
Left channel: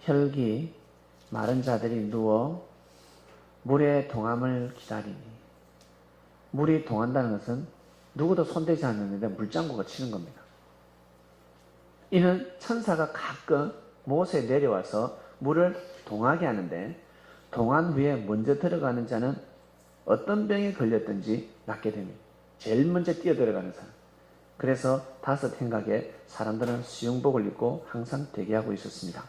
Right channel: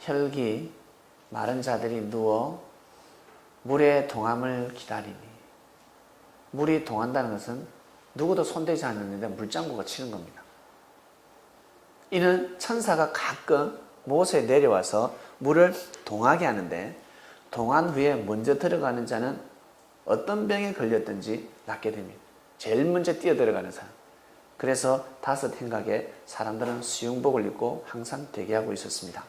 혈기, 마른 자들이 누워 물의 동함을 기다리니, 물이 동한다는 것은 누구도 손대지 않는데 물장구가 치는 겁니다. 이는 천사가 가끔 못에 내려와서 물을 동하게 하는데, 동한 후에 먼저 들어가는 자는 어떤 병에 걸렸든지 낫게 됩니다. 제일 먼저 뛰어 들어가는 사람. 그래서 5 행각에 사람들은 수영복을 입고 항상 대기하고 있었습니다.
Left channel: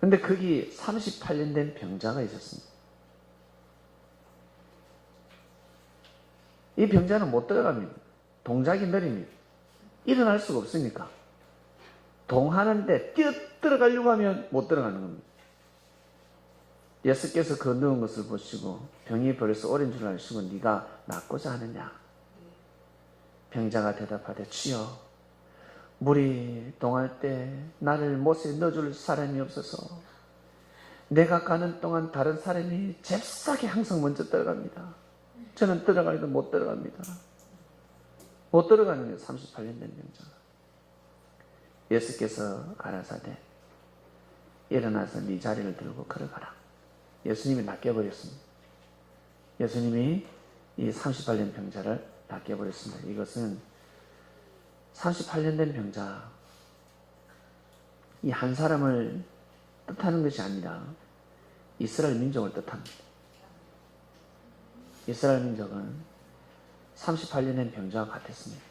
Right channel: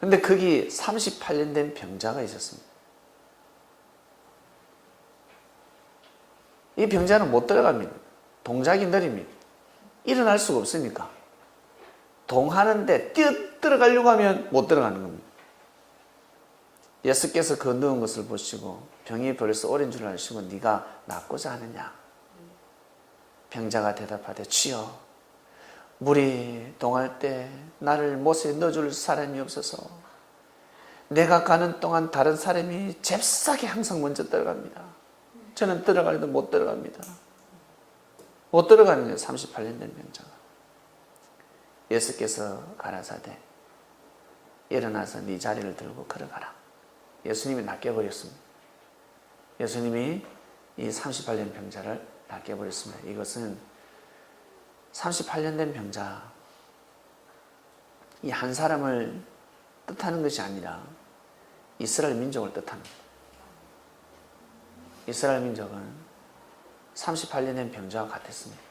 근데 거기 38년 된 병자가 있었습니다. 이 병자는 못 들어갑니다. 동작이 느립니다. 일어날 수가 없으니까. 동하는데 뛰어 들어가려고 하면 못 들어가는 겁니다. 예수께서 그 누운 것을 보시고 병이 벌써 오랜 줄 아시고 네가 낫고자 하느냐? 병자가 대답하되 주여, 물이 동할 때 나를 못에 넣어줄 사람이 없어서 내가 가는 동안 다른 사람이 잽싸게 항상 먼저 들어갑니다. 저는 들어가려도 못 들어갑니다. 못 들어가는 거예요. 38년 된 병자가. 예수께서 가라사대 일어나서 네 자리를 들고 걸어가라. 예수님이 낚여버렸습니다. 예수님이 이 38년 병자를 낚여버렸습니다. 이것은 38년 된 병자, 이 한 사람을 뜻하는 것이 아니라 이스라엘 민족을 뜻합니다. 이스라엘 민족은 38년 된 병자와 같았습니다.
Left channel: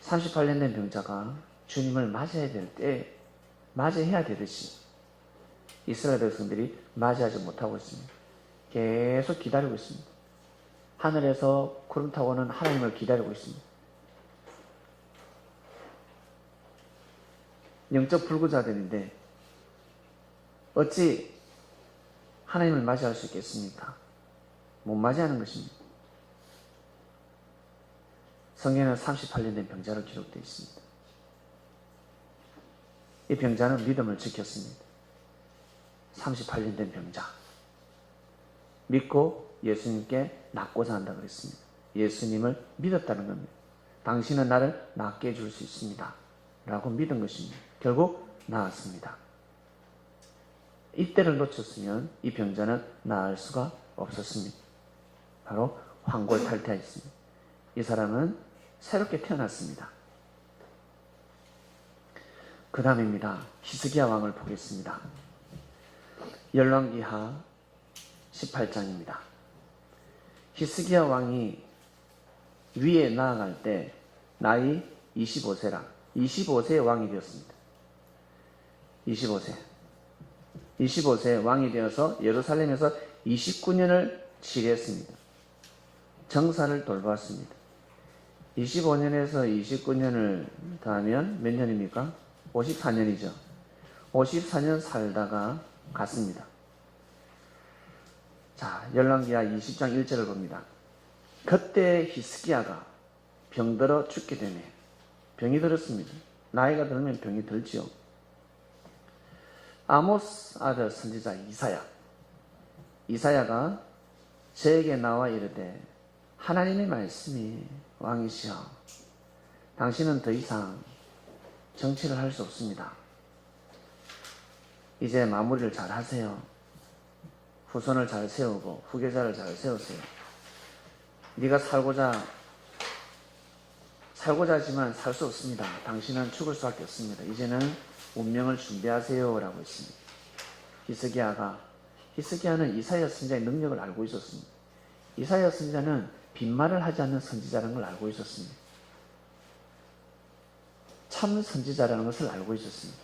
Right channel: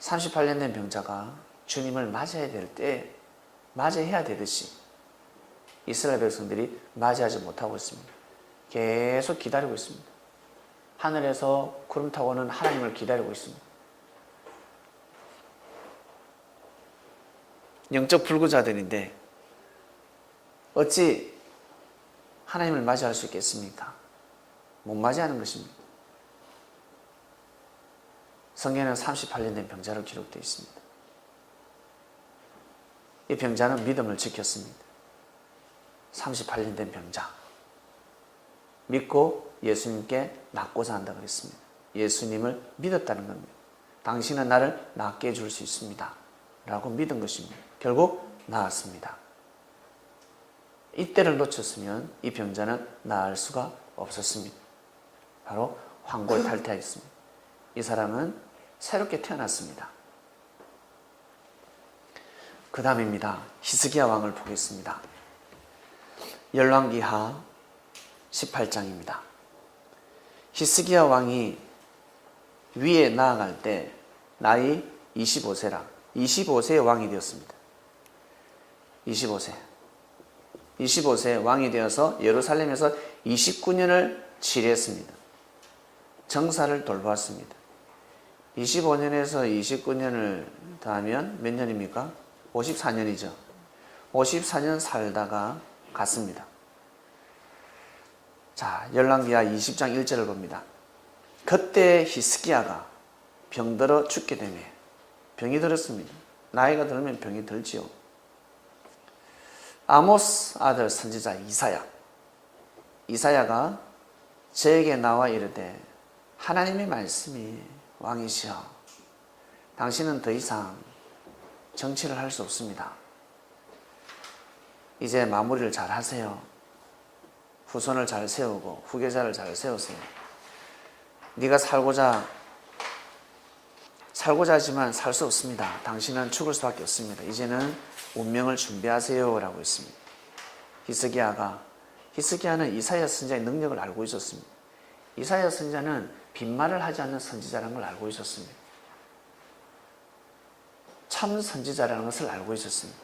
38년 된 병자가 주님을 맞이해야 될 때 맞이해야 되듯이 이스라엘 백성들이 맞이하지 못하고 있습니다. 계속 기다리고 있습니다. 하늘에서 구름 타고는 하나님을 기다리고 있습니다. 영적 불구자들인데 어찌 하나님을 맞이할 수 있겠습니까? 못 맞이하는 것입니다. 성경에는 38년 된 병자로 기록되어 있습니다. 이 병자는 믿음을 지켰습니다. 38년 된 병자. 믿고 예수님께 낫고자 한다고 했습니다. 예수님을 믿었다는 겁니다. 당신은 나를 낫게 해줄 수 있습니다. 라고 믿은 것입니다. 결국 나았습니다. 이때를 놓쳤으면 이 병자는 나을 수가 없었습니다. 바로 환골탈퇴했습니다. 이 사람은 새롭게 태어났습니다. 그 다음입니다. 히스기야 왕을 보겠습니다. 열왕기하 18장입니다. 히스기야 왕이 위에 나아갈 때 나이 25세라 25세의 왕이 되었습니다. 25세. 25세 왕이 되어서 예루살렘에서 29년을 치르했습니다. 정사를 돌보았습니다. 25년에서 29년을 더하면 몇 년입니까? 54년이죠. 54년 살다가 갔습니다. 자, 열왕기하 20장 1절을 봅니다. 그때 히스기야가 병들어 죽게 되며, 병이 들었습니다. 나이가 들면 병이 들지요. 아모스 아들 선지자 이사야가 저에게 나와 이르되, 하나님의 말씀이 왕이시여, 당신은 더 이상 정치를 할 수 없습니다. 이제 마무리를 잘 하세요. 후손을 잘 세우고 후계자를 잘 세우세요. 네가 살고자 하지만 살 수 없습니다. 당신은 죽을 수밖에 없습니다. 이제는 운명을 준비하세요 라고 했습니다. 히스기야는 이사야 선지자의 능력을 알고 있었습니다. 이사야 선지자는 빈말을 하지 않는 선지자라는 걸 알고 있었습니다. 참 선지자라는 것을 알고 있었습니다.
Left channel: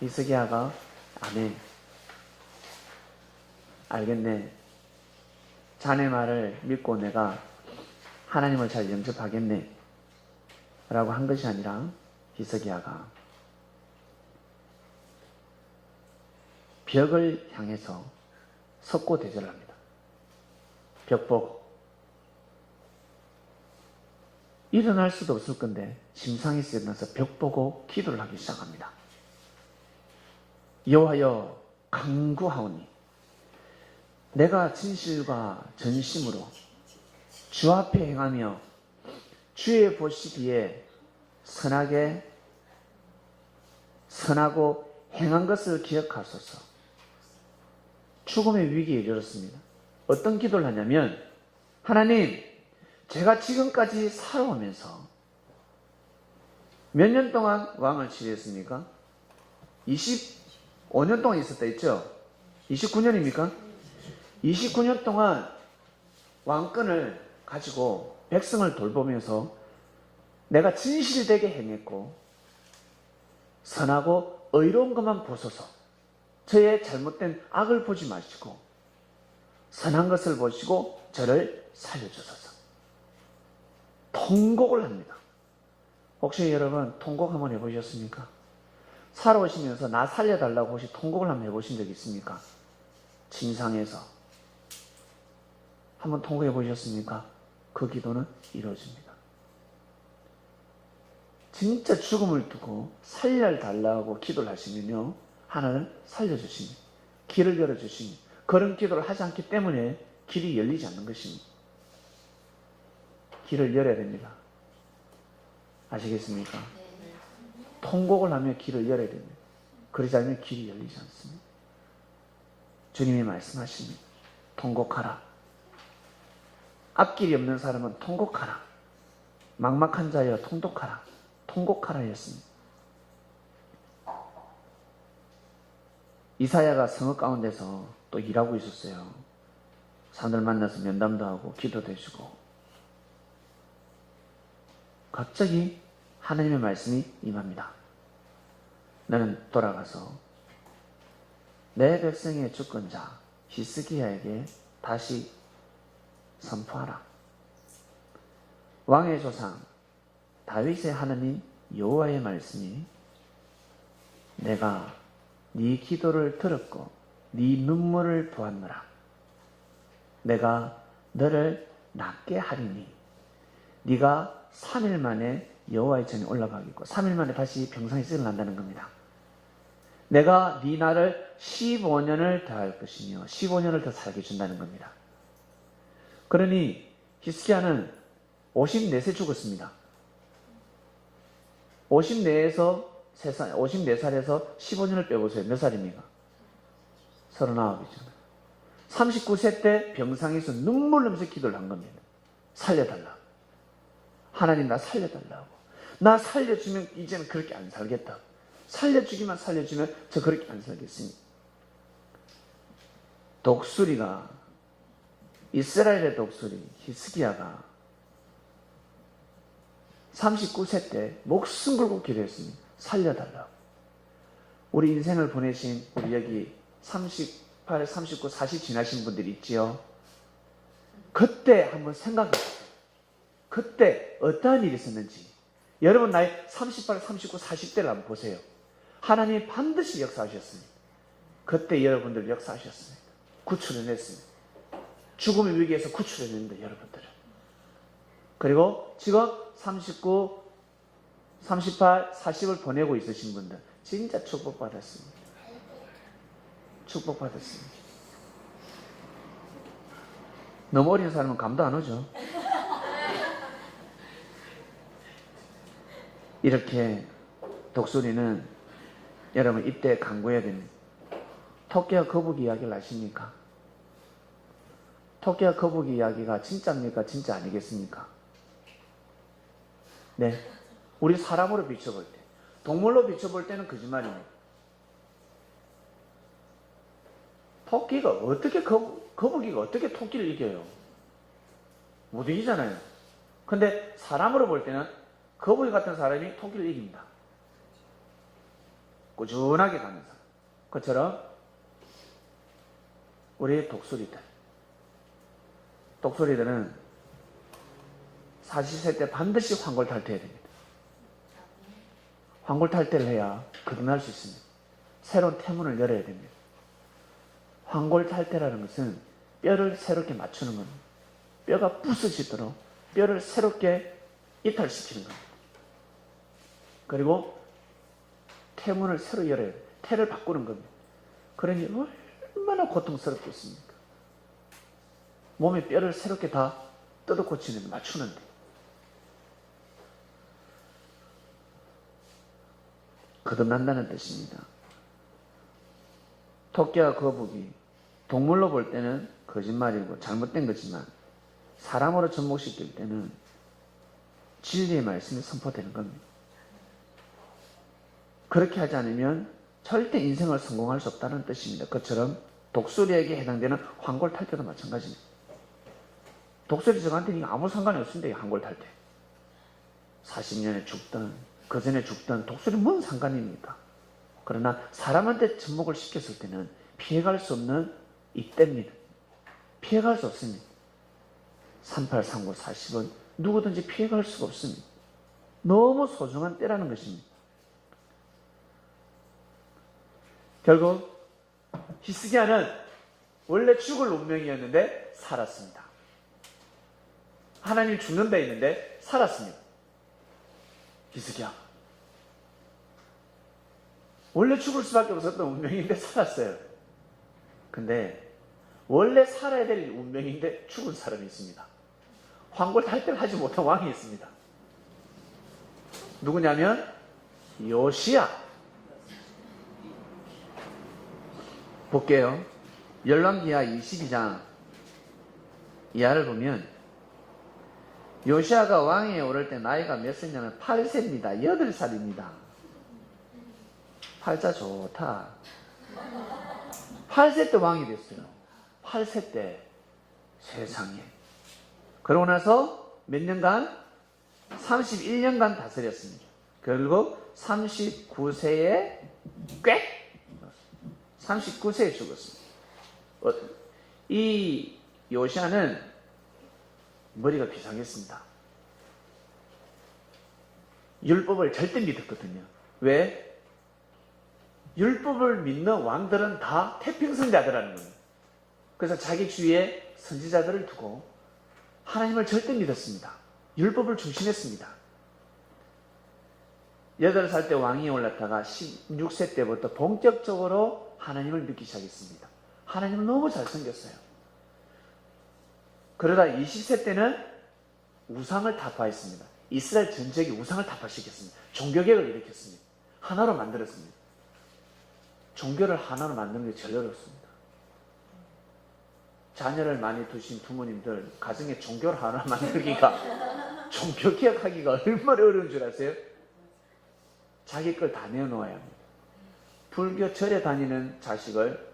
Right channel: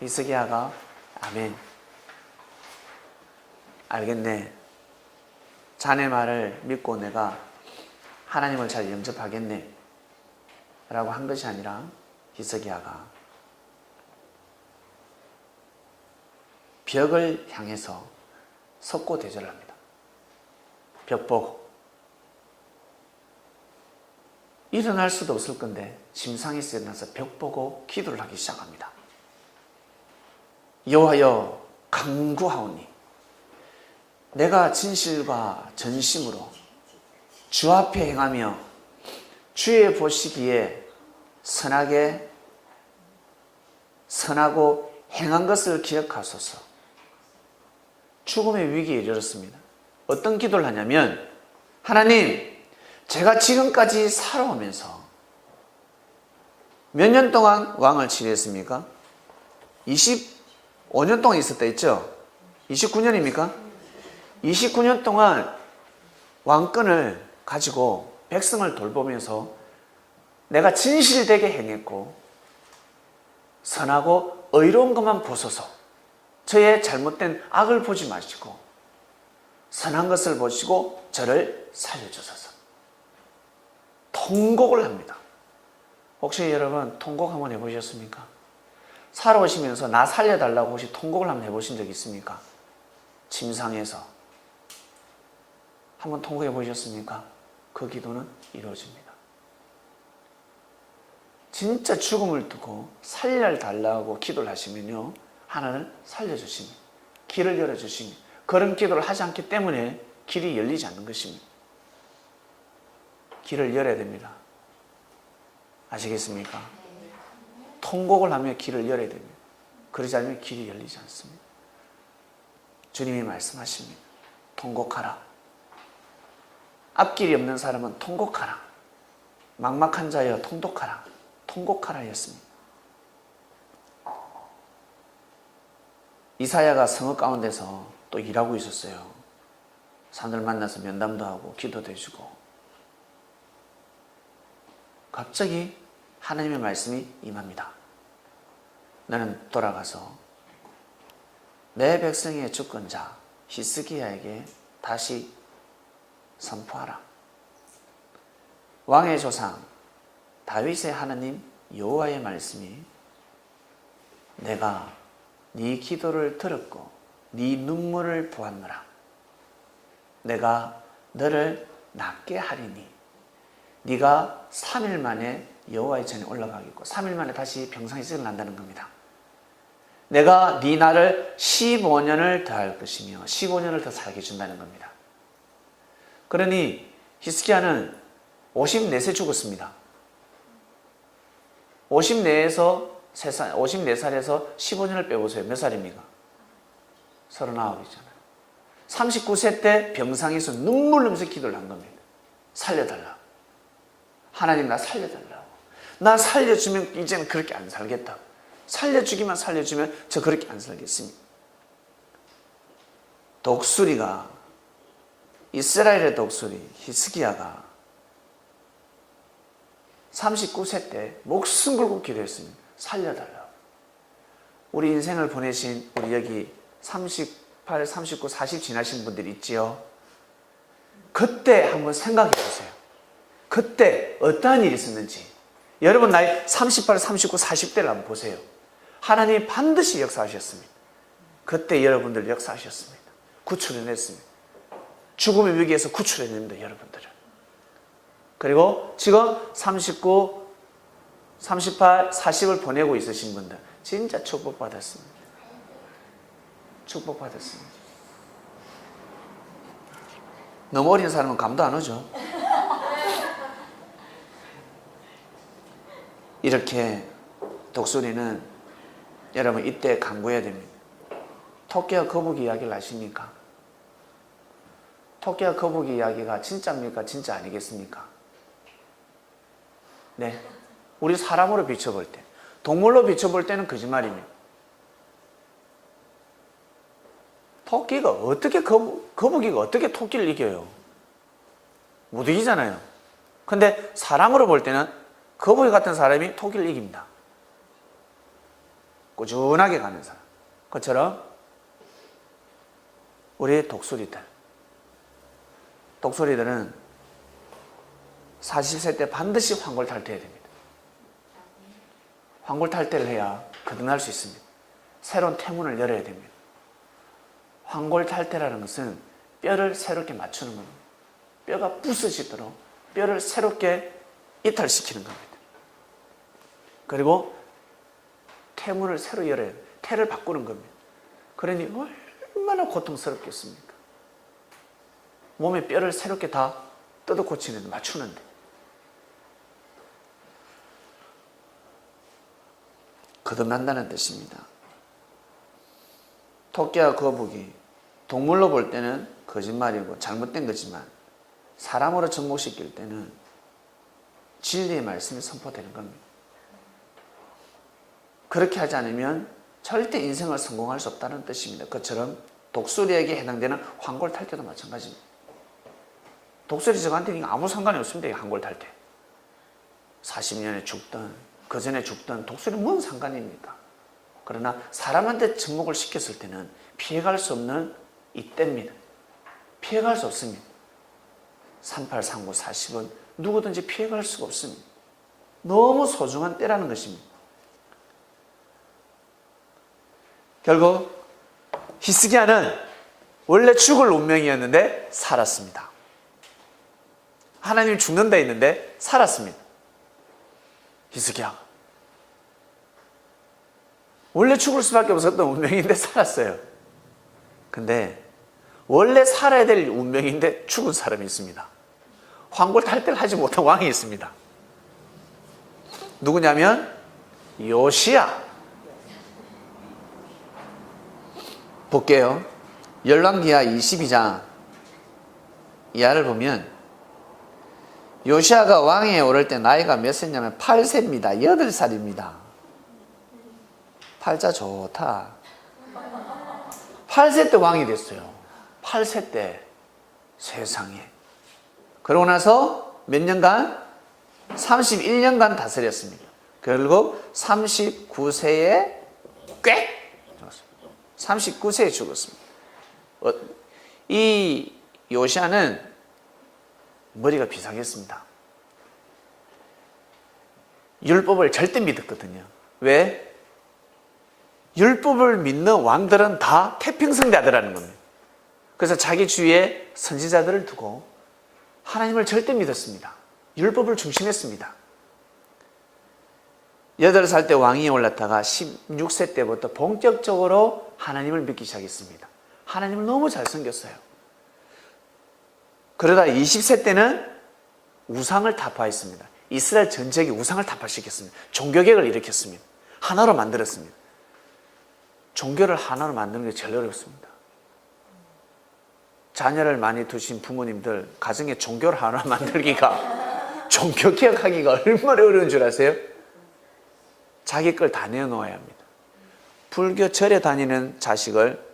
히스기야가 아멘, 알겠네, 자네 말을 믿고 내가 하나님을 잘 영접하겠네 라고 한 것이 아니라, 히스기야가 벽을 향해서 석고대절을 합니다. 벽 보고. 일어날 수도 없을 건데 심상에서 일어나서 벽 보고 기도를 하기 시작합니다. 여호와여, 간구하오니 내가 진실과 전심으로 주 앞에 행하며 주의 보시기에 선하고 행한 것을 기억하소서. 죽음의 위기에 이르렀습니다. 어떤 기도를 하냐면, 하나님, 제가 지금까지 살아오면서 몇 년 동안 왕을 치르했습니까? 25년 동안 있었다 했죠? 29년입니까? 29년 동안 왕권을 가지고 백성을 돌보면서 내가 진실되게 행했고 선하고 의로운 것만 보소서. 저의 잘못된 악을 보지 마시고 선한 것을 보시고 저를 살려주소서. 통곡을 합니다. 혹시 여러분 통곡 한번 해보셨습니까? 살아오시면서 나 살려달라고 혹시 통곡을 한번 해보신 적 있습니까? 침상에서 한번 통곡해 보셨습니까? 그 기도는 이루어집니다. 진짜 죽음을 두고 살려달라고 기도를 하시면요, 하나님은 살려주십니다. 길을 열어주십니다. 그런 기도를 하지 않기 때문에 길이 열리지 않는 것입니다. 길을 열어야 됩니다. 아시겠습니까? 통곡을 하며 길을 열어야 됩니다. 그러지 않으면 길이 열리지 않습니다. 주님이 말씀하십니다. 통곡하라. 앞길이 없는 사람은 통곡하라. 막막한 자여 통독하라. 통곡하라 했습니다. 이사야가 성읍 가운데서 또 일하고 있었어요. 사람들 만나서 면담도 하고 기도도 해주고. 갑자기 하나님의 말씀이 임합니다. 너는 돌아가서 내 백성의 주권자 히스기야에게 다시 선포하라. 왕의 조상 다윗의 하나님 여호와의 말씀이 내가 네 기도를 들었고 네 눈물을 보았노라. 내가 너를 낫게 하리니 네가 3일 만에 여호와의 전에 올라가겠고 3일 만에 다시 병상에서 일어난다는 겁니다. 내가 네 날을 15년을 더할 것이며 15년을 더 살게 준다는 겁니다. 그러니 히스기야는 54세 죽었습니다. 54살에서 15년을 빼보세요. 몇 살입니까? 39이잖아요. 39세 때 병상에서 눈물 흘리면서 기도를 한 겁니다. 살려달라. 하나님 나 살려달라고. 나 살려주면 이제는 그렇게 안 살겠다. 살려주기만 살려주면 저 그렇게 안 살겠습니다. 독수리가, 이스라엘의 독수리 히스기야가 39세 때 목숨 걸고 기도했습니다. 살려달라고. 우리 인생을 보내신 우리 여기 38, 39, 40 지나신 분들 있지요. 그때 한번 생각해 보세요. 그때 어떠한 일이 있었는지. 여러분 나이 38, 39, 40대를 한번 보세요. 하나님이 반드시 역사하셨습니다. 그때 여러분들 역사하셨습니다. 구출해냈습니다. 죽음의 위기에서 구출해냅니다. 여러분들을. 그리고 지금 39, 38, 40을 보내고 있으신 분들 진짜 축복받았습니다. 축복받았습니다. 너무 어린 사람은 감도 안 오죠. 이렇게 독수리는 여러분 이때 강구해야 됩니다. 토끼와 거북이 이야기를 아십니까? 토끼와 거북이 이야기가 진짜입니까? 진짜 아니겠습니까? 네. 우리 사람으로 비춰볼 때, 동물로 비춰볼 때는 거짓말입니다. 토끼가 어떻게 거북이가 어떻게 토끼를 이겨요? 못 이기잖아요. 근데 사람으로 볼 때는 거북이 같은 사람이 토끼를 이깁니다. 꾸준하게 가는 사람. 그것처럼 우리 독수리들은 40세 때 반드시 환골탈퇴해야 됩니다. 환골탈퇴를 해야 거듭날 수 있습니다. 새로운 태문을 열어야 됩니다. 환골탈퇴라는 것은 뼈를 새롭게 맞추는 겁니다. 뼈가 부서지도록 뼈를 새롭게 이탈시키는 겁니다. 그리고 태문을 새로 열어야 돼요. 태를 바꾸는 겁니다. 그러니 얼마나 고통스럽겠습니까? 몸의 뼈를 새롭게 다 뜯어 고치는, 맞추는데. 거듭난다는 뜻입니다. 토끼와 거북이, 동물로 볼 때는 거짓말이고 잘못된 거지만 사람으로 접목시킬 때는 진리의 말씀이 선포되는 겁니다. 그렇게 하지 않으면 절대 인생을 성공할 수 없다는 뜻입니다. 그처럼 독수리에게 해당되는 환골탈퇴도 마찬가지입니다. 독수리 저한테는 아무 상관이 없습니다. 환골탈퇴. 40년에 죽든 그 전에 죽든 독수리 뭔 상관입니까? 그러나 사람한테 접목을 시켰을 때는 피해갈 수 없는 이때입니다. 피해갈 수 없습니다. 38, 39, 40은 누구든지 피해갈 수가 없습니다. 너무 소중한 때라는 것입니다. 결국 히스기야는 원래 죽을 운명이었는데 살았습니다. 하나님이 죽는다 했는데 살았습니다. 히스기야가 원래 죽을 수밖에 없었던 운명인데 살았어요. 근데 원래 살아야 될 운명인데 죽은 사람이 있습니다. 환골탈퇴를 하지 못한 왕이 있습니다. 누구냐면 요시야. 볼게요. 열왕기하 22장 이하를 보면 요시야가 왕위에 오를 때 나이가 몇 세냐면 8세입니다. 8살입니다. 팔자 좋다. 8세 때 왕이 됐어요. 8세 때 세상에. 그러고 나서 몇 년간? 31년간 다스렸습니다. 결국 39세에 꽥! 39세에 죽었습니다. 이 요시야는 머리가 비상했습니다. 율법을 절대 믿었거든요. 왜? 율법을 믿는 왕들은 다 태평성자들이라는 겁니다. 그래서 자기 주위에 선지자들을 두고 하나님을 절대 믿었습니다. 율법을 중심했습니다. 8살 때 왕위에 올랐다가 16세 때부터 본격적으로 하나님을 믿기 시작했습니다. 하나님을 너무 잘생겼어요. 그러다 20세 때는 우상을 타파했습니다. 이스라엘 전체에 우상을 타파시켰습니다. 종교개혁을 일으켰습니다. 하나로 만들었습니다. 종교를 하나로 만드는 게 제일 어렵습니다. 자녀를 많이 두신 부모님들 가정에 종교를 하나 만들기가 종교개혁하기가 얼마나 어려운 줄 아세요? 자기 걸 다 내어놓아야 합니다. 불교 절에 다니는 자식을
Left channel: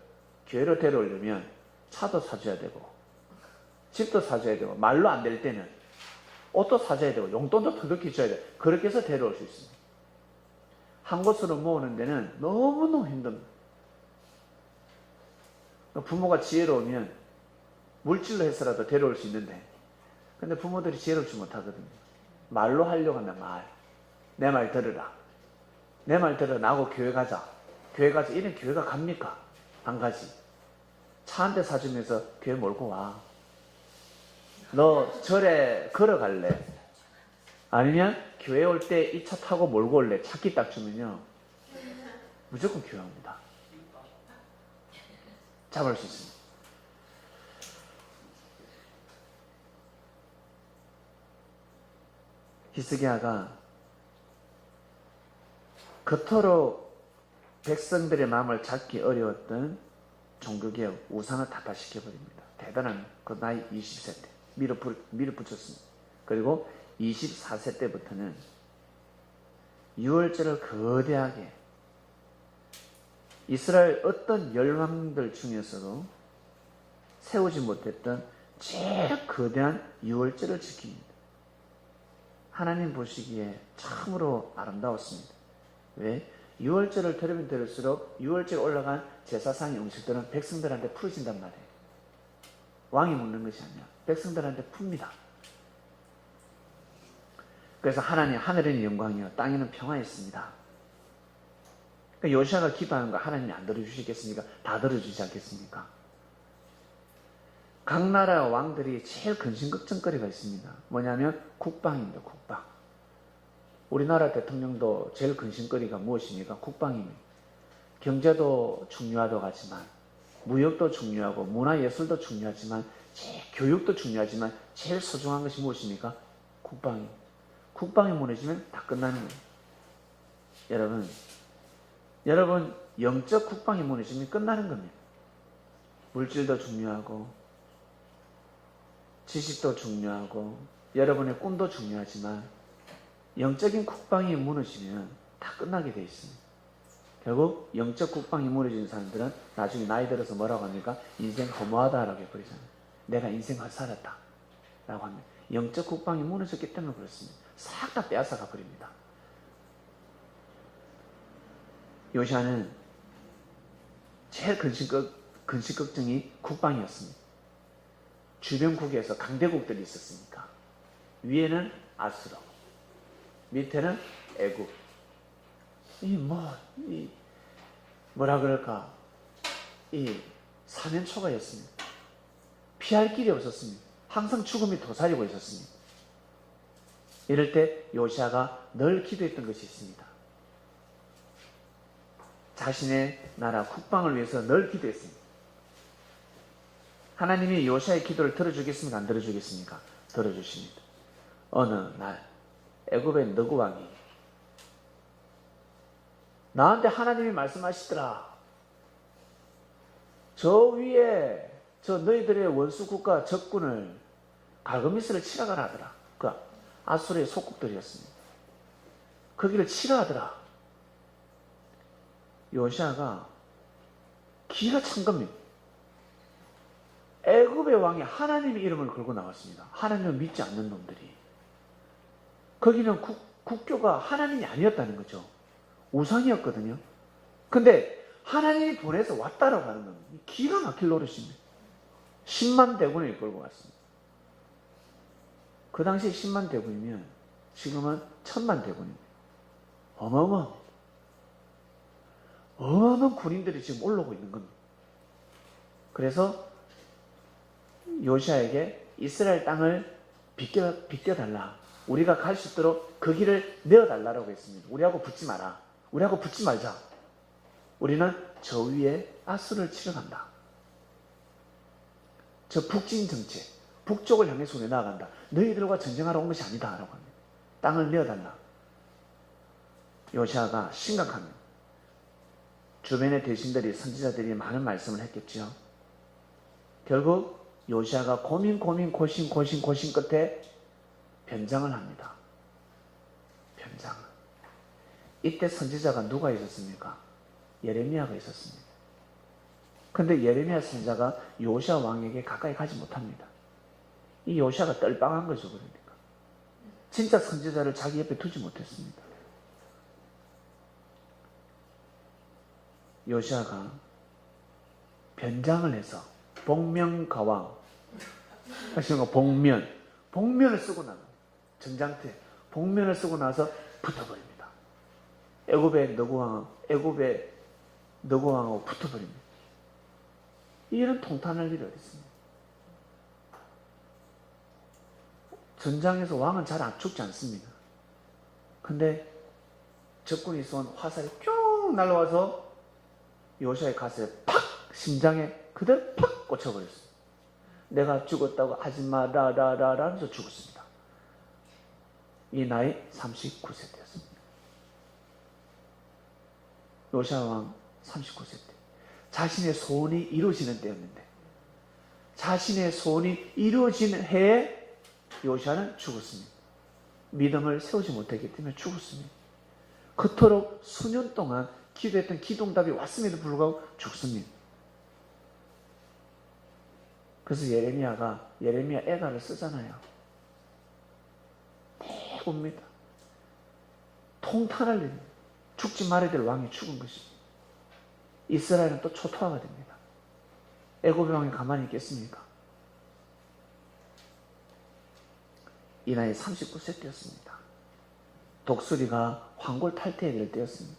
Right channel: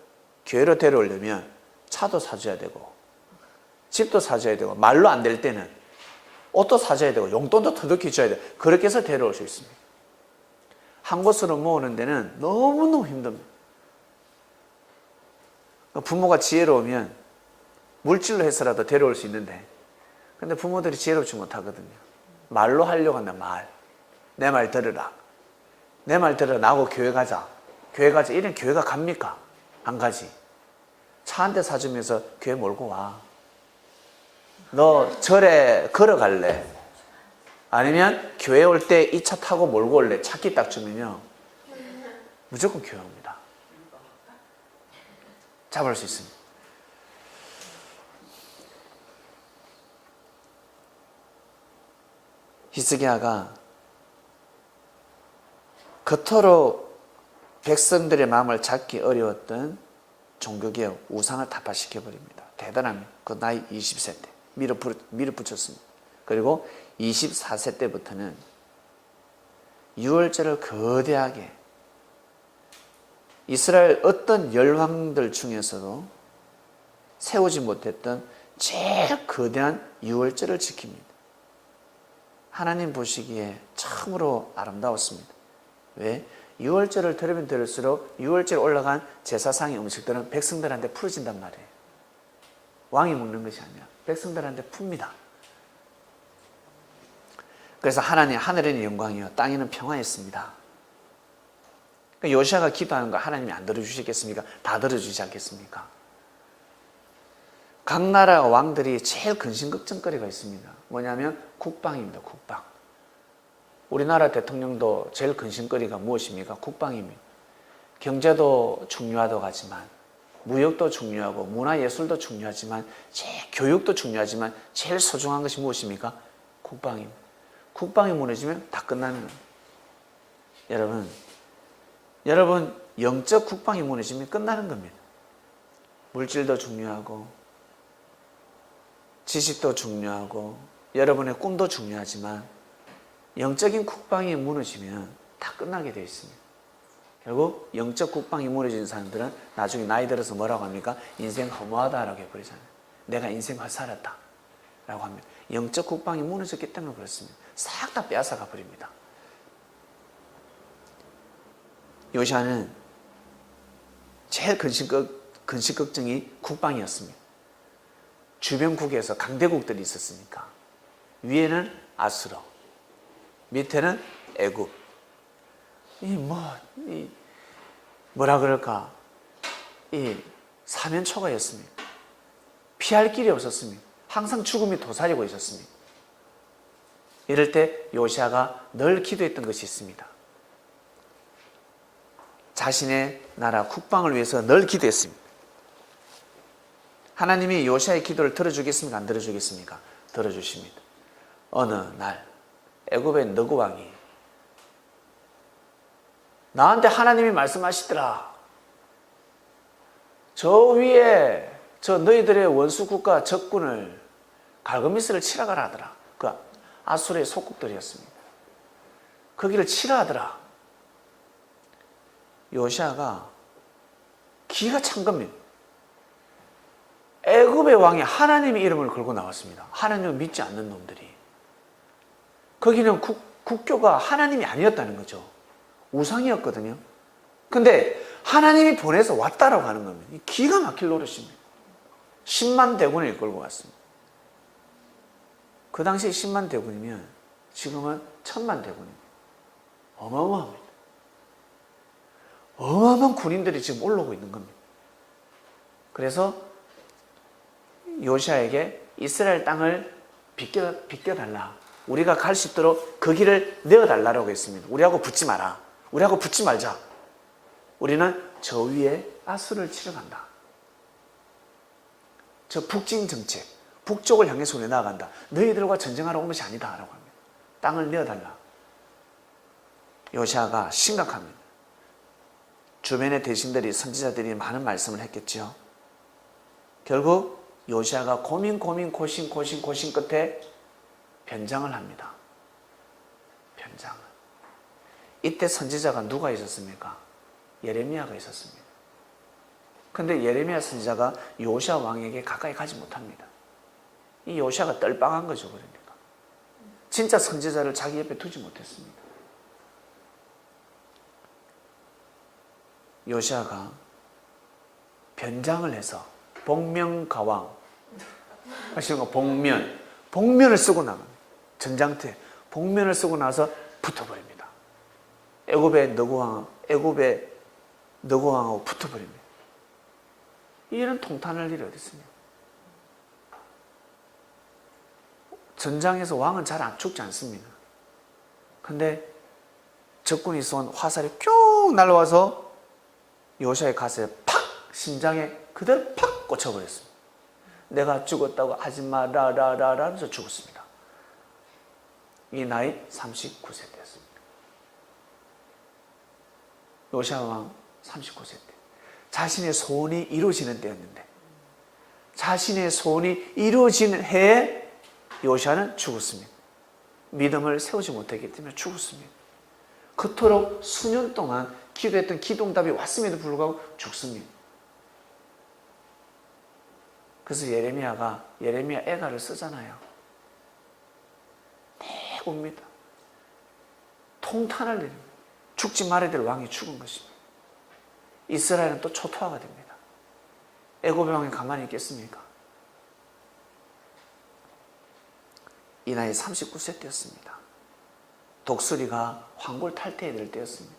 교회로 데려오려면 차도 사줘야 되고 집도 사줘야 되고 말로 안 될 때는 옷도 사줘야 되고 용돈도 터득해 줘야 돼요. 그렇게 해서 데려올 수 있습니다. 한 곳으로 모으는 데는 너무너무 힘듭니다. 부모가 지혜로우면 물질로 해서라도 데려올 수 있는데, 근데 부모들이 지혜롭지 못하거든요. 말로 하려고 한다. 말. 내 말 들으라. 내 말 들으라. 나하고 교회 가자. 교회 가자. 이런 교회가 갑니까? 안 가지. 차 한 대 사주면서 교회 몰고 와. 너 절에 걸어갈래? 아니면 교회 올 때 이 차 타고 몰고 올래? 차키 딱 주면요, 무조건 교회 옵니다. 잡을 수 있습니다. 히스기야가 겉으로 백성들의 마음을 잡기 어려웠던 종교개혁, 우상을 타파시켜버립니다. 대단합니다. 그 나이 20세 때 밀어붙였습니다. 그리고 24세 때부터는 유월절을 거대하게, 이스라엘 어떤 열왕들 중에서도 세우지 못했던 제일 거대한 유월절을 지킵니다. 하나님 보시기에 참으로 아름다웠습니다. 왜? 유월절을 들으면 들을수록 유월절 올라간 제사상의 음식들은 백성들한테 풀어진단 말이에요. 왕이 먹는 것이 아니라 백성들한테 풉니다. 그래서 하나님, 하늘에는 영광이요 땅에는 평화였습니다. 요시아가 기도하는 거 하나님이 안 들어주시겠습니까? 다 들어주지 않겠습니까? 각 나라 왕들이 제일 근심걱정거리가 있습니다. 뭐냐면 국방입니다. 국방. 우리나라 대통령도 제일 근심거리가 무엇입니까? 국방입니다. 경제도 중요하다고하지만, 무역도 중요하고 문화예술도 중요하지만, 교육도 중요하지만 제일 소중한 것이 무엇입니까? 국방입니다. 국방이 무너지면 다 끝나는 거예요. 여러분 영적 국방이 무너지면 끝나는 겁니다. 물질도 중요하고 지식도 중요하고 여러분의 꿈도 중요하지만 영적인 국방이 무너지면 다 끝나게 되어 있습니다. 결국 영적 국방이 무너진 사람들은 나중에 나이 들어서 뭐라고 합니까? 인생 허무하다라고 해버리잖아요. 내가 인생 헛살았다 라고 합니다. 영적 국방이 무너졌기 때문에 그렇습니다. 싹 다 빼앗아가 버립니다. 요시아는 제일 근심 걱정이 국방이었습니다. 주변국에서 강대국들이 있었으니까. 위에는 아수르, 밑에는 애굽. 뭐라 그럴까? 이 사면초가였습니다. 피할 길이 없었습니다. 항상 죽음이 도사리고 있었습니다. 이럴 때 요시아가 늘 기도했던 것이 있습니다. 자신의 나라 국방을 위해서 늘 기도했습니다. 하나님이 요시아의 기도를 들어주겠습니까? 안 들어주겠습니까? 들어주십니다. 어느 날 애굽의 너구 왕이 나한테 하나님이 말씀하시더라. 저 위에 저 너희들의 원수 국가 적군을 갈그미스를 치라 가라 하더라. 그 아수르의 속국들이었습니다. 거기를 치라 하더라. 요시아가 기가 찬 겁니다. 애굽의 왕이 하나님의 이름을 걸고 나왔습니다. 하나님을 믿지 않는 놈들이. 거기는 국교가 하나님이 아니었다는 거죠. 우상이었거든요. 근데 하나님이 보내서 왔다라고 하는 겁니다. 기가 막힐 노릇입니다. 10만 대군을 이끌고 왔습니다. 그 당시 10만 대군이면 지금은 1000만 대군입니다. 어마어마합니다. 어마어마한 군인들이 지금 올라오고 있는 겁니다. 그래서 요시아에게 이스라엘 땅을 비껴달라. 우리가 갈 수 있도록 그 길을 내어달라고 했습니다. 우리하고 붙지 마라. 우리하고 붙지 말자. 우리는 저 위에 아수르를 치러 간다. 저 북진 정책, 북쪽을 향해서 우리 나아간다. 너희들과 전쟁하러 온 것이 아니다 라고 합니다. 땅을 내어달라. 요시아가 심각합니다. 주변의 대신들이, 선지자들이 많은 말씀을 했겠죠. 결국 요시아가 고민 끝에 변장을 합니다. 변장. 이때 선지자가 누가 있었습니까? 예레미야가 있었습니다. 근데 예레미야 선지자가 요시아 왕에게 가까이 가지 못합니다. 이 요시아가 떨빵한 거죠. 그러니까 진짜 선지자를 자기 옆에 두지 못했습니다. 요시아가 변장을 해서 복면가왕 하시는 거, 복면을 쓰고 나갑니다. 전장터에 복면을 쓰고 나서 붙어버립니다. 애굽의 너고왕하고 붙어버립니다. 이런 통탄할 일이 어디 있습니까? 전장에서 왕은 잘 안 죽지 않습니다. 근데 적군이 쏜 화살이 쭉 날아와서 요시아의 가슴에 팍, 심장에 그대로 팍 꽂혀버렸습니다. 내가 죽었다고 하지 마라라라 하면서 죽었습니다. 이 나이 39세 때였습니다. 요시아 왕 39세 때. 자신의 소원이 이루어지는 때였는데, 자신의 소원이 이루어지는 해에 요시아는 죽었습니다. 믿음을 세우지 못했기 때문에 죽었습니다. 그토록 수년 동안 기도했던 기도응답이 왔음에도 불구하고 죽습니다. 그래서 예레미야 애가를 쓰잖아요. 웁니다. 통탄할 일입니다. 죽지 말아야 될 왕이 죽은 것입니다. 이스라엘은 또 초토화가 됩니다. 애굽의 왕이 가만히 있겠습니까? 이 나이 39세 때였습니다. 독수리가 황골 탈퇴해야 될 때였습니다.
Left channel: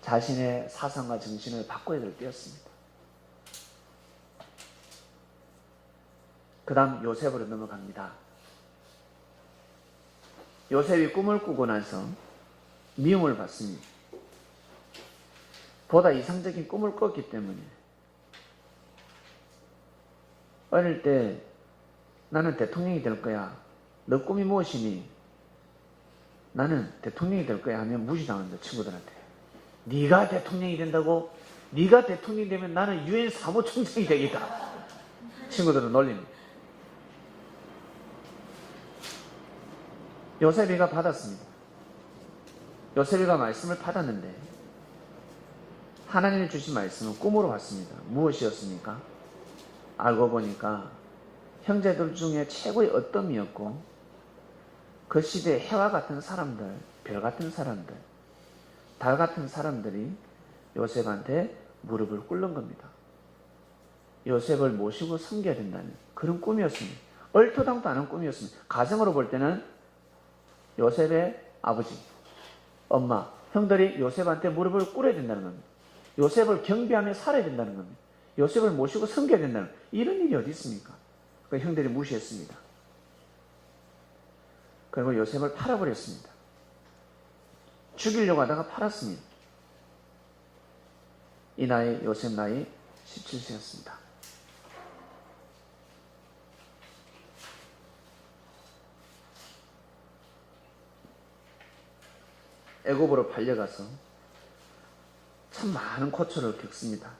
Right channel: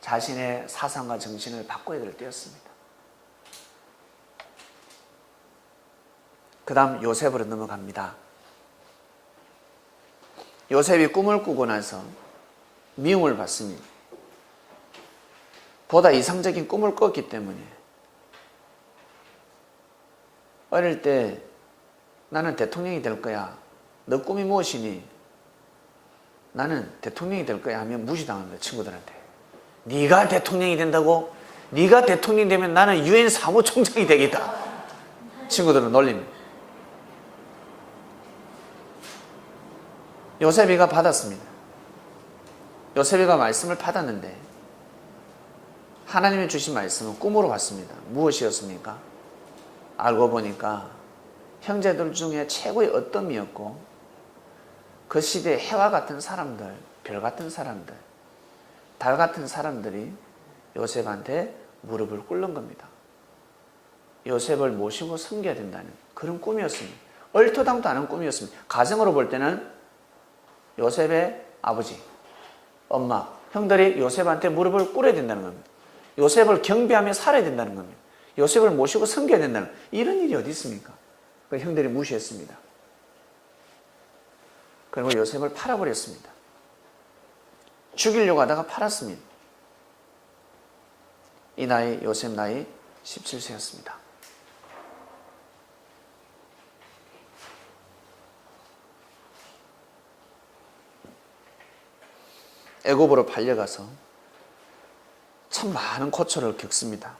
자신의 사상과 정신을 바꿔야 될 때였습니다. 그 다음 요셉으로 넘어갑니다. 요셉이 꿈을 꾸고 나서 미움을 받습니다. 보다 이상적인 꿈을 꿨기 때문에. 어릴 때 나는 대통령이 될 거야. 너 꿈이 무엇이니? 나는 대통령이 될 거야 하면 무시당합니다. 친구들한테. 네가 대통령이 된다고? 네가 대통령이 되면 나는 유엔 사무총장이 되겠다. 친구들은 놀립니다. 요셉이가 받았습니다. 요셉이가 말씀을 받았는데 하나님이 주신 말씀은 꿈으로 왔습니다. 무엇이었습니까? 알고 보니까 형제들 중에 최고의 어떤 그 시대의 해와 같은 사람들, 별 같은 사람들, 달 같은 사람들이 요셉한테 무릎을 꿇는 겁니다. 요셉을 모시고 섬겨야 된다는 그런 꿈이었습니다. 얼토당토 않은 꿈이었습니다. 가정으로 볼 때는 요셉의 아버지, 엄마, 형들이 요셉한테 무릎을 꿇어야 된다는 겁니다. 요셉을 경배하며 살아야 된다는 겁니다. 요셉을 모시고 섬겨야 된다는, 이런 일이 어디 있습니까? 형들이 무시했습니다. 그리고 요셉을 팔아버렸습니다. 죽이려고 하다가 팔았습니다. 이 나이, 요셉 나이 17세였습니다. 애굽으로 팔려가서 참 많은 고초를 겪습니다.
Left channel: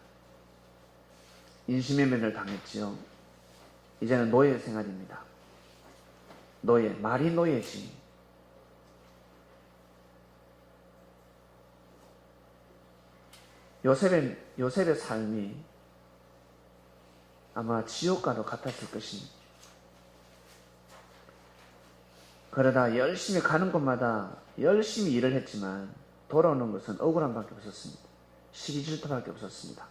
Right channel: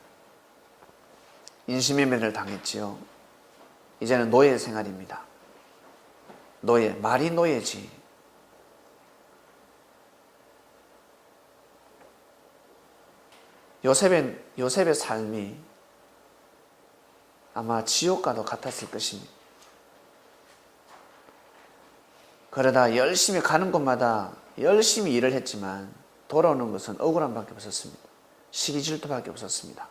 인신매매를 당했지요. 이제는 노예 생활입니다. 노예, 말이 노예지. 요셉의 삶이 아마 지옥과도 같았을 것입니다. 그러다 열심히 가는 곳마다 열심히 일을 했지만 돌아오는 것은 억울함밖에 없었습니다. 시기 질투밖에 없었습니다.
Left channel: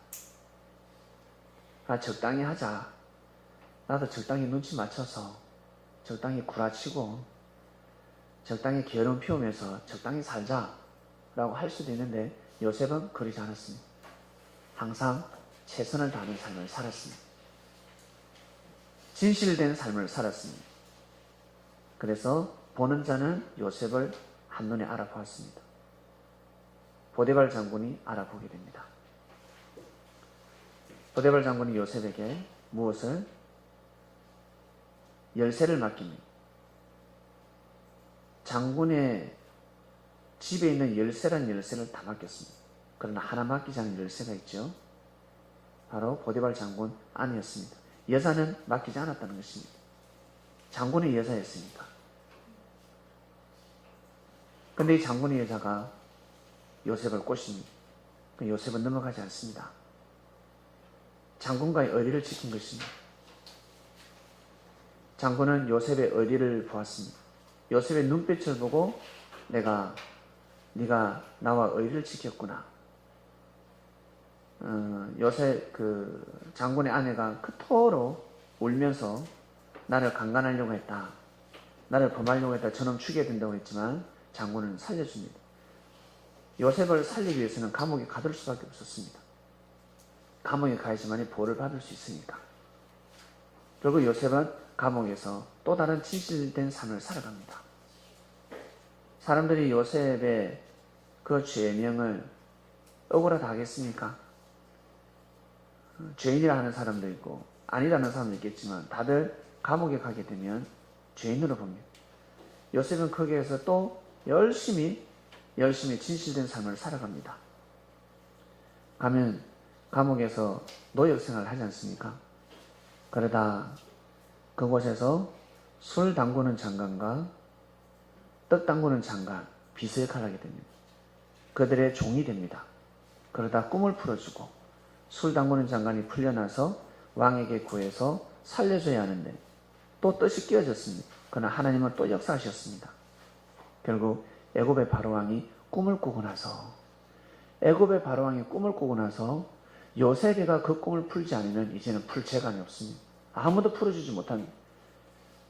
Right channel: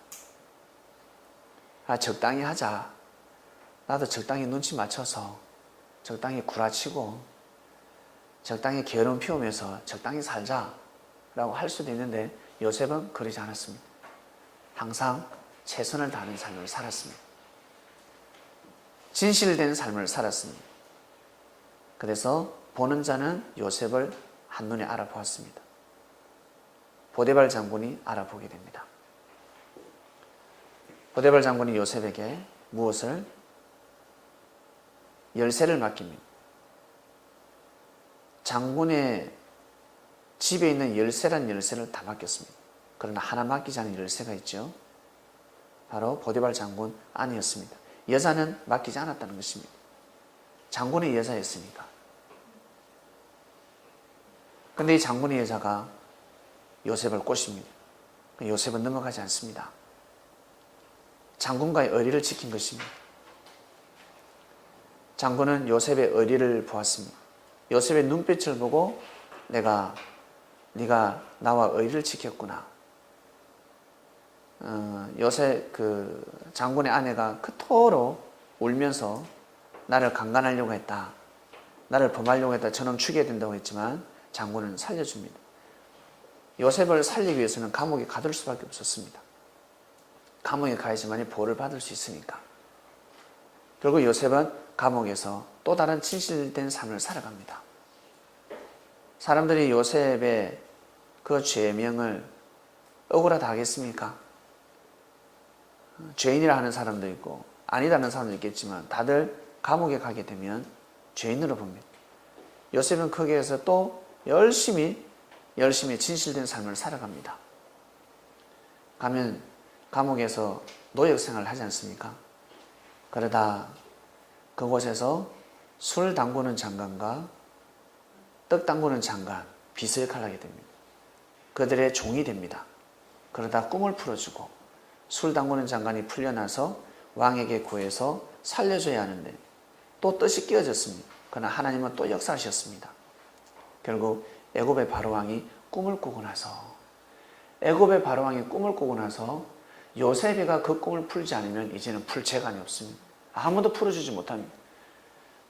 적당히 하자. 나도 적당히 눈치 맞춰서 적당히 구라치고 적당히 게으름 피우면서 적당히 살자 라고 할 수도 있는데 요셉은 그러지 않았습니다. 항상 최선을 다하는 삶을 살았습니다. 진실된 삶을 살았습니다. 그래서 보는 자는 요셉을 한눈에 알아보았습니다. 보디발 장군이 알아보게 됩니다. 보디발 장군이 요셉에게 무엇을? 열쇠를 맡깁니다. 장군의 집에 있는 열쇠란 열쇠를 다 맡겼습니다. 그러나 하나 맡기지 않은 열쇠가 있죠. 바로 보디발 장군 아내였습니다. 여자는 맡기지 않았다는 것입니다. 장군의 여자였으니까. 근데 이 장군의 여자가 요셉을 꼬십니다. 요셉은 넘어가지 않습니다. 장군과의 의리를 지킨 것입니다. 장군은 요셉의 의리를 보았습니다. 요셉의 눈빛을 보고 네가 나와 의리를 지켰구나. 요셉 장군의 아내가 그토록 울면서 나를 강간하려고 했다, 나를 범하려고 했다, 저놈 죽여야 된다고 했지만 장군은 살려줍니다. 요셉을 살리기 위해서는 감옥에 가둘 수밖에 없었습니다. 감옥에 가야지만 보호를 받을 수 있으니까. 결국 요셉은 감옥에서 또 다른 진실된 삶을 살아갑니다. 사람들이 요셉의 그 죄명을 억울하다 하겠습니까? 죄인이라 하는 사람도 있고 아니라는 사람도 있겠지만 다들 감옥에 가게 되면 죄인으로 봅니다. 요셉은 거기에서 또 열심히 진실된 삶을 살아갑니다. 가면 감옥에서 노역 생활을 하지 않습니까? 그러다 그곳에서 술 담그는 장관과 떡 담그는 장관, 비서 역할을 하게 됩니다. 그들의 종이 됩니다. 그러다 꿈을 풀어주고 술 담그는 장관이 풀려나서 왕에게 구해서 살려줘야 하는데 또 뜻이 끼어졌습니다. 그러나 하나님은 또 역사하셨습니다. 결국 애굽의 바로왕이 꿈을 꾸고 나서 요셉이가 그 꿈을 풀지 않으면 이제는 풀 재간이 없습니다. 아무도 풀어주지 못합니다.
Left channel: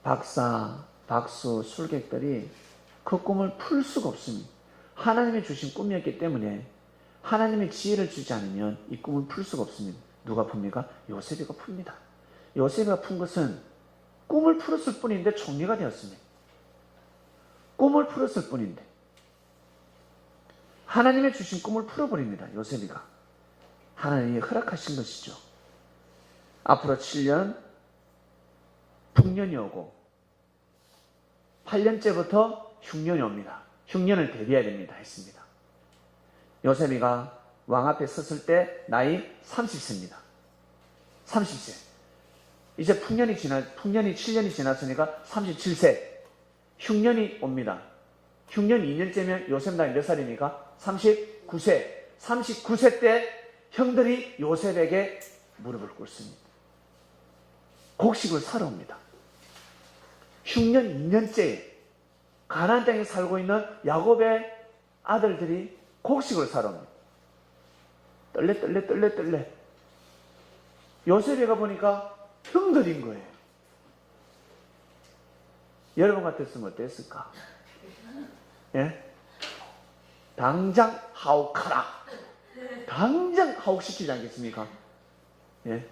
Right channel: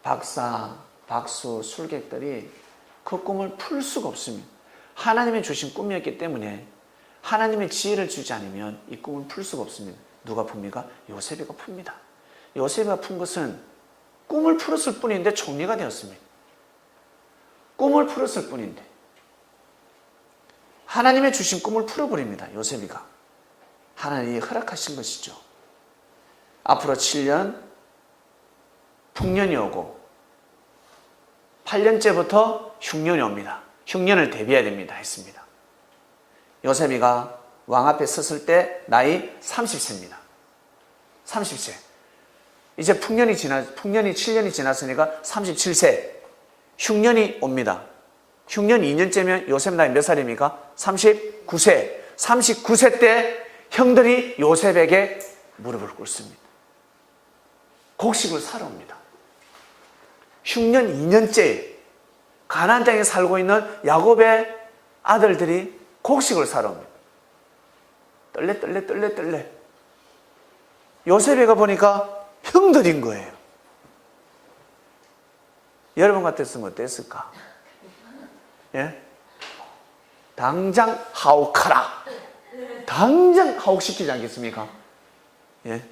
박사, 박수, 술객들이 그 꿈을 풀 수가 없습니다. 하나님이 주신 꿈이었기 때문에 하나님의 지혜를 주지 않으면 이 꿈을 풀 수가 없습니다. 누가 풉니까? 요셉이가 풉니다. 요셉이가 푼 것은 꿈을 풀었을 뿐인데 총리가 되었습니다. 꿈을 풀었을 뿐인데 하나님의 주신 꿈을 풀어버립니다. 요셉이가. 하나님이 허락하신 것이죠. 앞으로 7년 풍년이 오고 8년째부터 흉년이 옵니다. 흉년을 대비해야 됩니다 했습니다. 요셉이가 왕 앞에 섰을 때 나이 30세입니다. 30세. 이제 풍년이 7년이 지났으니까 37세. 흉년이 옵니다. 흉년 2년째면 요셉 나이 몇 살입니까? 39세. 39세 때 형들이 요셉에게 무릎을 꿇습니다. 곡식을 사러 옵니다. 흉년 2년째 가나안 땅에 살고 있는 야곱의 아들들이 곡식을 사러 옵니다. 떨레. 요셉이가 보니까 형들인 거예요. 여러분 같았으면 어땠을까? 예? 당장 하옥하라. 당장 하옥시키지 않겠습니까? 예?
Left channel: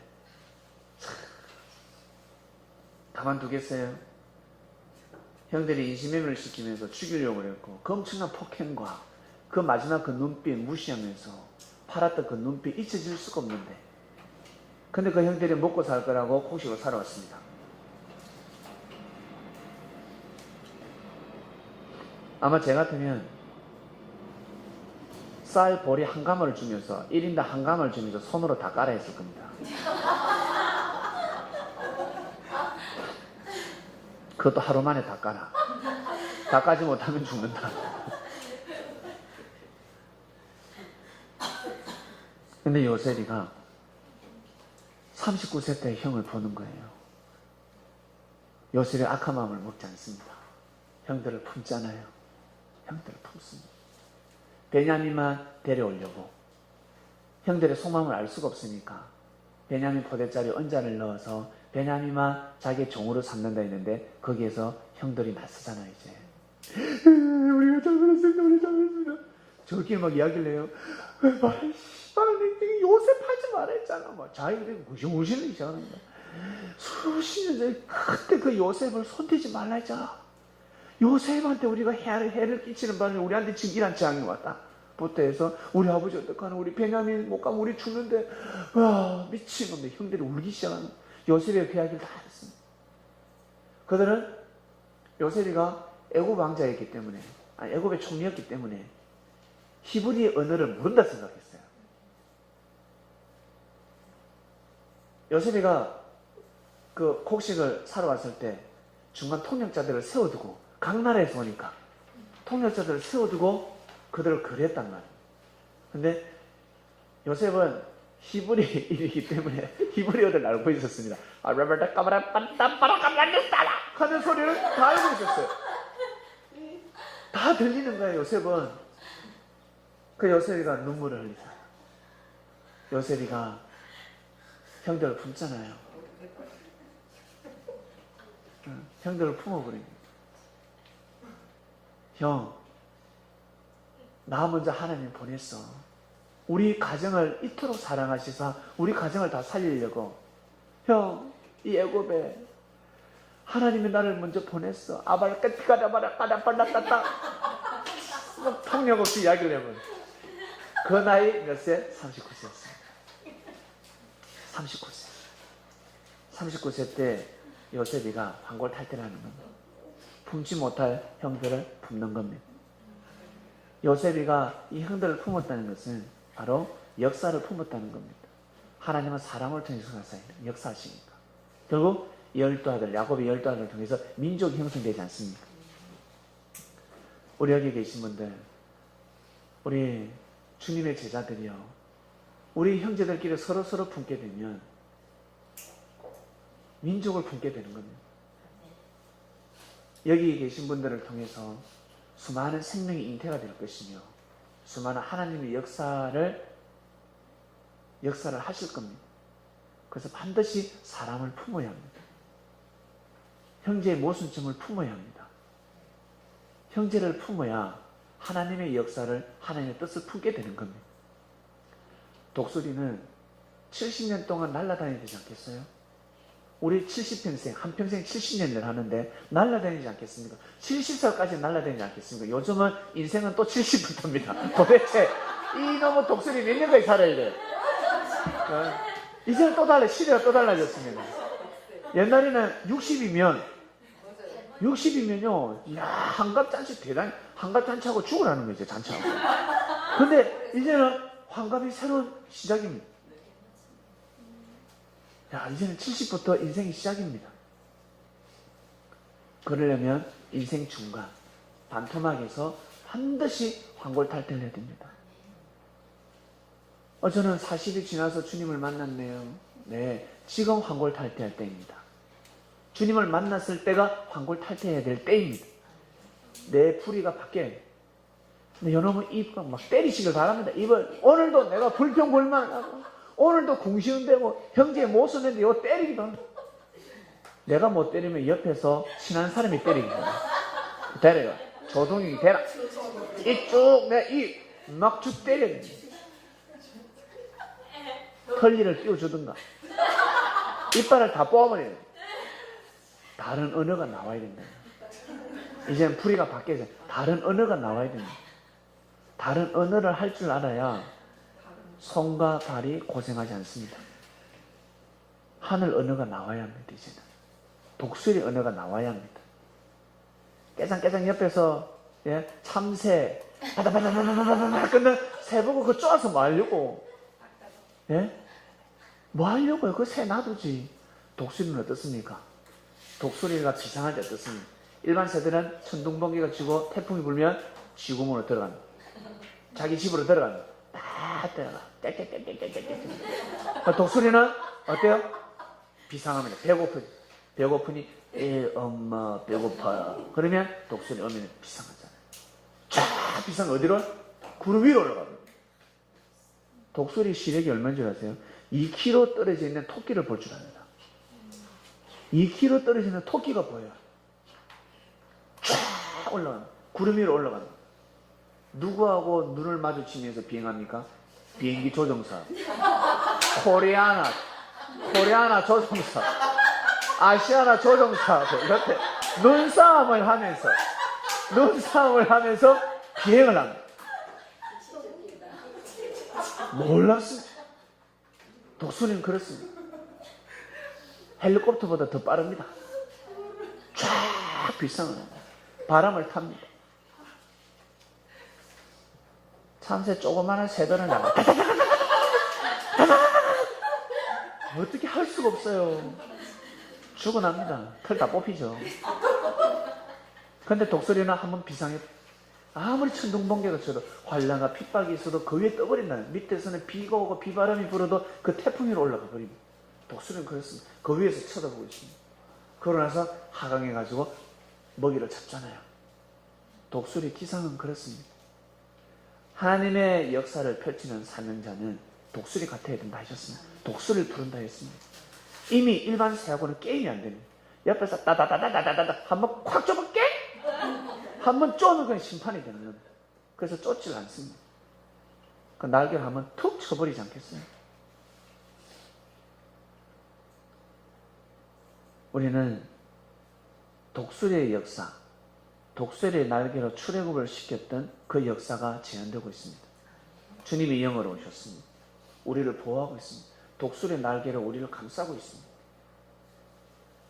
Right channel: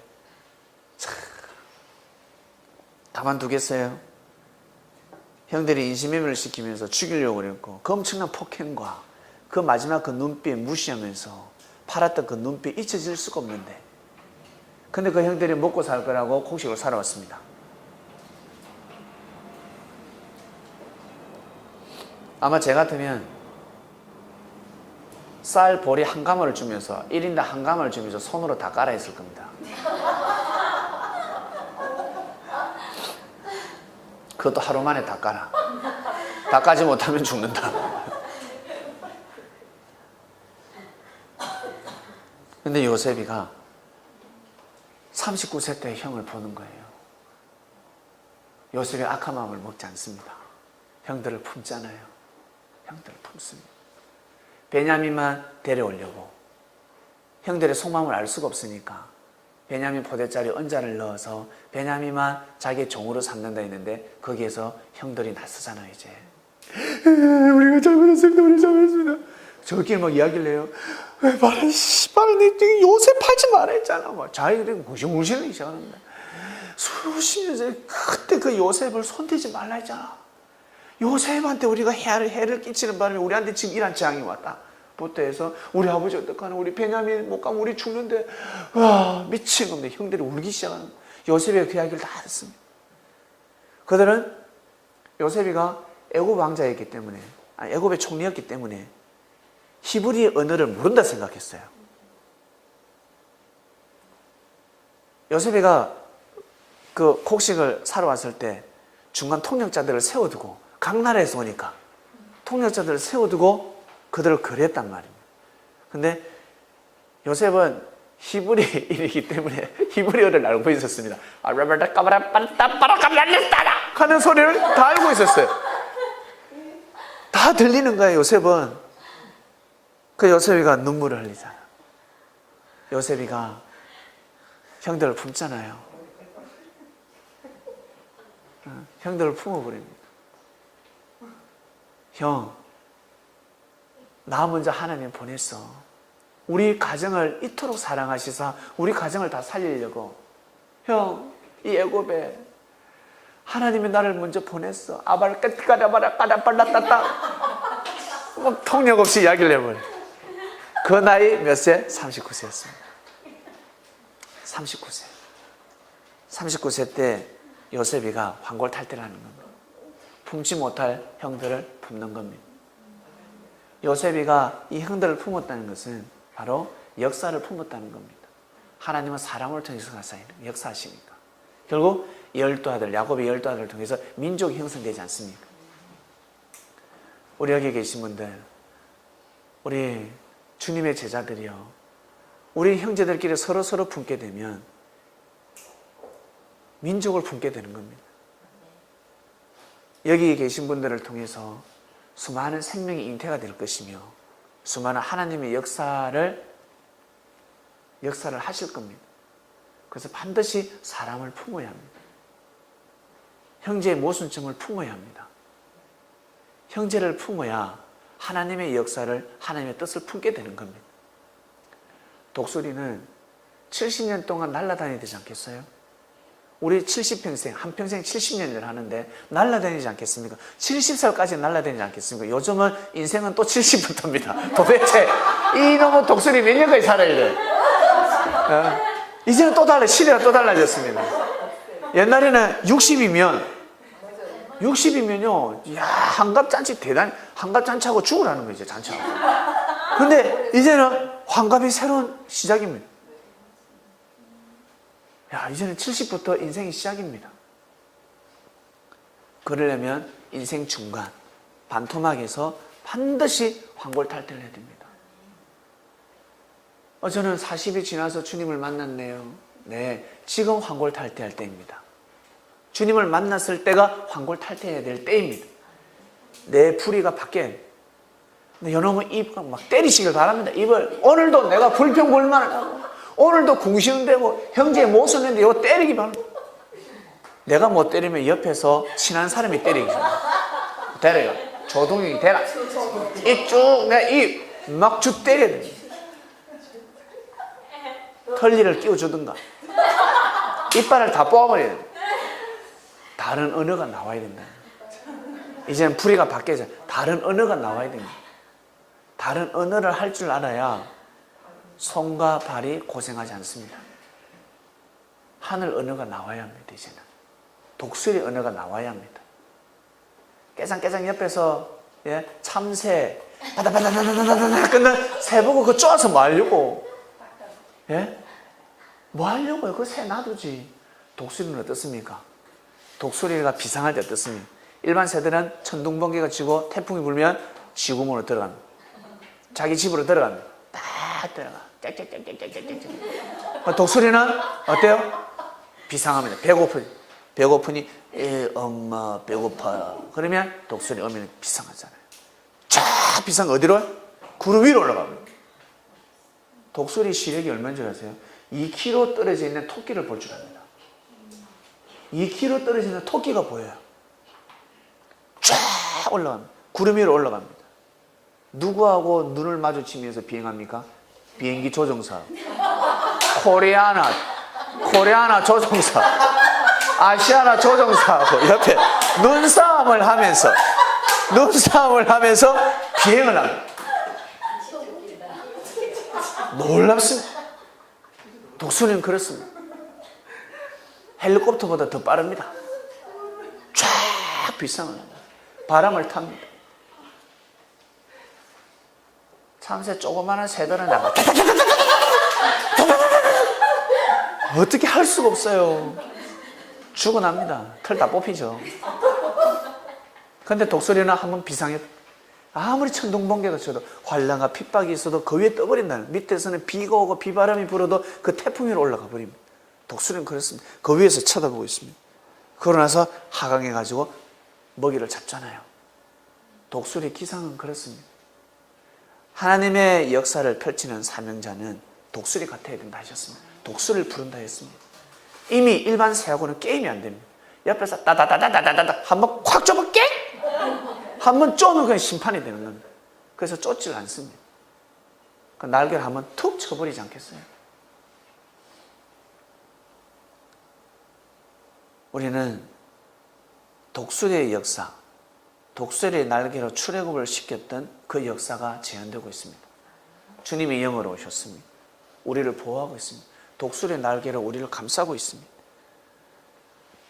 가만두겠어요? 형들이 인신매매를 시키면서 죽이려고 그랬고 그 엄청난 폭행과 그 마지막 그 눈빛 무시하면서 팔았던 그 눈빛 잊혀질 수가 없는데 근데 그 형들이 먹고 살 거라고 곡식을 사러 왔습니다. 아마 제 같으면 쌀 보리 한 가마를 주면서 1인당 한 가마를 주면서 손으로 다 깔아 했을 겁니다. 그것도 하루 만에 다 깔아. 다 까지 못하면 죽는다. 근데 요셉이가 39세 때 형을 보는 거예요. 요셉이 악한 마음을 먹지 않습니다. 형들을 품잖아요. 형들을 품습니다. 베냐민만 데려오려고. 형들의 속마음을 알 수가 없으니까 베냐민 포대자리 언자를 넣어서 베냐민만 자기 종으로 삼는다 했는데 거기에서 형들이 나서잖아요. 이제 우리가 잘못했습니다. 우리 잘못했습니다. 저끼리 막 이야기를 해요. 말해 씨발 내 요셉 팔지 말아 했잖아. 막 자기들이 무시무시하기 시작합니다. 수십 년 전에 그때 그 요셉을 손대지 말라 했잖아. 요셉한테 우리가 해를 끼치는 바람에 우리한테 지금 이런 재앙이 왔다. 부터 해서 우리 아버지 어떡하나, 우리 베냐민 못 가면 우리 죽는데, 와 미친놈들 형들이 울기 시작하는. 요셉이 그 이야기를 다 했습니다. 그들은 요셉이가 애굽 왕자였기 때문에, 애굽의 총리였기 때문에 히브리 언어를 모른다 생각했어요. 요셉이가 그 곡식을 사러 왔을 때 중간 통역자들을 세워두고, 각 나라에서 오니까 통역자들을 세워두고 그들을 거래했단 말입니다. 근데 요셉은 히브리인이기 때문에 히브리어를 알고 있었습니다. 하는 소리를 다 알고 있었어요. 다 들리는 거예요. 요셉은. 그 요셉이가 눈물을 흘리잖아. 요셉이가 형들을 품잖아요. 형들을 품어버립니다. 형, 나 먼저 하나님 보냈어. 우리 가정을 이토록 사랑하시사 우리 가정을 다 살리려고. 형, 이 애굽에 하나님이 나를 먼저 보냈어. 아발까라바라 까라빨라따따. 막 통역 없이 이야기를 해버려. 그 나이 몇 세? 39세였습니다. 39세. 39세 때 요셉이가 환골탈태라는 겁니다. 품지 못할 형들을 품는 겁니다. 요셉이가 이 형들을 품었다는 것은 바로 역사를 품었다는 겁니다. 하나님은 사람을 통해서 역사하시니까. 결국 12아들, 야곱의 12아들을 통해서 민족이 형성되지 않습니까? 우리 여기 계신 분들, 우리 주님의 제자들이요, 우리 형제들끼리 서로 품게 되면 민족을 품게 되는 겁니다. 여기 계신 분들을 통해서 수많은 생명이 잉태가 될 것이며 수많은 하나님의 역사를 하실 겁니다. 그래서 반드시 사람을 품어야 합니다. 형제의 모순점을 품어야 합니다. 형제를 품어야 하나님의 역사를, 하나님의 뜻을 품게 되는 겁니다. 독수리는 70년 동안 날아다녀야 되지 않겠어요? 우리 70평생, 한평생 70년을 하는데 날아다니지 않겠습니까? 70살까지 날아다니지 않겠습니까? 요즘은 인생은 또 70부터입니다. 도대체 이놈의 독수리 몇 년까지 살아야 돼? 이제는 또 달라, 시대가 또 달라졌습니다. 옛날에는 60이면요, 야, 환갑잔치 대단히, 환갑잔치하고 죽으라는 거지, 잔치하고. 근데 이제는 환갑이 새로운 시작입니다. 야, 이제는 70부터 인생이 시작입니다. 그러려면 인생 중간, 반토막에서 반드시 환골탈태를 해야 됩니다. 저는 40이 지나서 주님을 만났네요. 네, 지금 환골탈태할 때입니다. 주님을 만났을 때가 환골탈태해야 될 때입니다. 내 풀이가 바뀌어야 돼요. 여러분 입 막 때리시길 바랍니다. 입을 오늘도 내가 불평불만을 하고 오늘도 궁시렁대고 형제의 못 썼는데 이거 때리기 바랍니다. 내가 못 때리면 옆에서 친한 사람이 때리기 바랍니다. 대라, 조동이 대라. 입 쭉, 내가 입 막 쭉 때려야 됩니다. 털리를 끼워주든가 이빨을 다 뽑아버려야 돼요. 다른 언어가 나와야 된다. 이제는 풀이가 바뀌어서 다른 언어가 나와야 됩니다. 다른 언어를 할 줄 알아야 손과 발이 고생하지 않습니다. 하늘 언어가 나와야 합니다. 이제는 독수리 언어가 나와야 합니다. 깨장깨장 옆에서 참새 바다바다바다바다 끝나 새 보고 그거 쪼아서 뭐 하려고? 뭐 하려고요? 그 새 놔두지. 독수리는 어떻습니까? 독수리가 비상할 때 어떻습니까? 일반 새들은 천둥번개가 치고 태풍이 불면 시구문으로 들어갑니다. 자기 집으로 들어갑니다. 딱 들어가. 독수리는 어때요? 비상합니다. 배고프니 엄마 배고파요. 그러면 독수리 오면 비상하잖아요. 쫙 비상 어디로? 구름 위로 올라갑니다. 독수리 시력이 얼마인 줄 아세요? 2km 떨어져 있는 토끼를 볼 줄 압니다. 2km 떨어져 있는 토끼가 보여요. 쫙 올라갑니다. 구름 위로 올라갑니다. 누구하고 눈을 마주치면서 비행합니까? 비행기 조종사. 코리아나 조종사. 아시아나 조종사하고 옆에 눈싸움을 하면서 비행을 합니다. 놀랍습니다. 독수리는 그렇습니다. 헬리콥터보다 더 빠릅니다. 쫙 비상을 합니다. 바람을 탑니다. 참새 조그마한 새들은 나가 어떻게 할 수가 없어요. 죽어납니다. 털 다 뽑히죠. 근데 독수리는 한번 비상해 아무리 천둥번개가 쳐도 환란과 핍박이 있어도 그 위에 떠버린다는, 밑에서는 비가 오고 비바람이 불어도 그 태풍 위로 올라가 버립니다. 독수리는 그렇습니다. 그 위에서 쳐다보고 있습니다. 그러고 나서 하강해가지고 먹이를 잡잖아요. 독수리 기상은 그렇습니다. 하나님의 역사를 펼치는 사명자는 독수리 같아야 된다 하셨습니다. 독수리를 부른다 했습니다. 이미 일반 새하고는 게임이 안 됩니다. 옆에서 따다다다다다다 한번 콱 쫓으면 깽! 한번 쫓으면 그냥 심판이 되는 겁니다. 그래서 쫓지를 않습니다. 그 날개를 한번 툭 쳐버리지 않겠습니까? 우리는 독수리의 역사, 독수리의 날개로 출애굽을 시켰던 그 역사가 재현되고 있습니다. 주님이 영으로 오셨습니다. 우리를 보호하고 있습니다. 독수리의 날개로 우리를 감싸고 있습니다.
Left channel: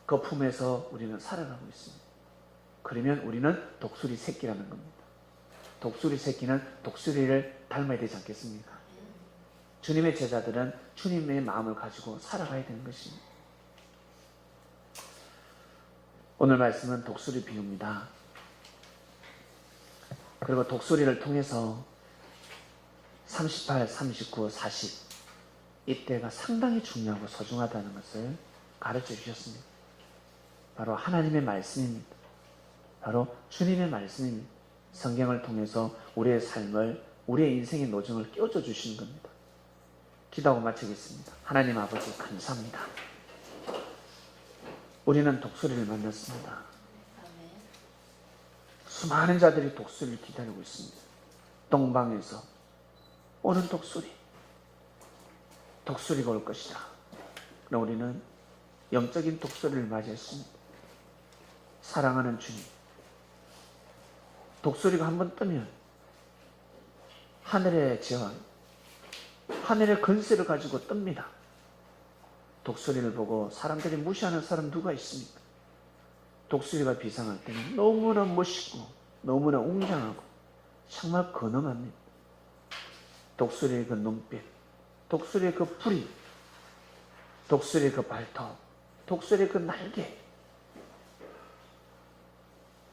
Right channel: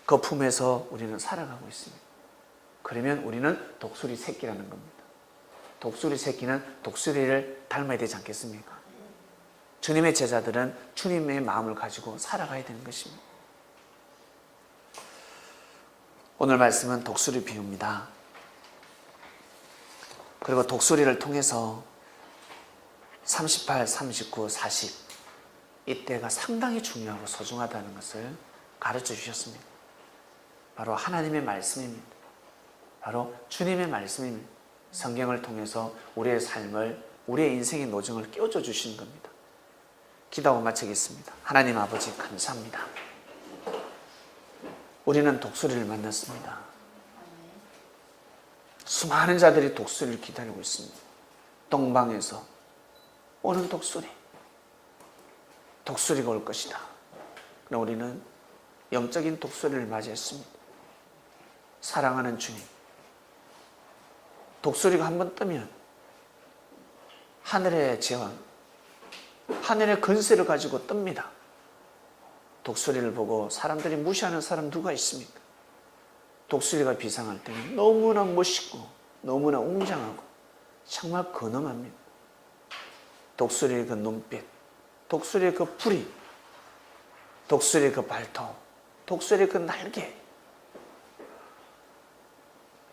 그 품에서 우리는 살아가고 있습니다. 그러면 우리는 독수리 새끼라는 겁니다. 독수리 새끼는 독수리를 닮아야 되지 않겠습니까? 주님의 제자들은 주님의 마음을 가지고 살아가야 되는 것입니다. 오늘 말씀은 독수리 비유입니다. 그리고 독수리를 통해서 38, 39, 40 이때가 상당히 중요하고 소중하다는 것을 가르쳐 주셨습니다. 바로 하나님의 말씀입니다. 바로 주님의 말씀입니다. 성경을 통해서 우리의 삶을, 우리의 인생의 노정을 끼워줘 주시는 겁니다. 기도하고 마치겠습니다. 하나님 아버지 감사합니다. 우리는 독수리를 만났습니다. 수많은 자들이 독수리를 기다리고 있습니다. 동방에서 오는 독수리가 올 것이다. 그럼 우리는 영적인 독수리를 맞이했습니다. 사랑하는 주님, 독수리가 한번 뜨면 하늘의 재원, 하늘의 근세를 가지고 뜹니다. 독수리를 보고 사람들이 무시하는 사람 누가 있습니까? 독수리가 비상할 때는 너무나 멋있고 너무나 웅장하고 정말 근엄합니다. 독수리의 그 눈빛, 독수리의 그 부리, 독수리의 그 발톱, 독수리의 그 날개,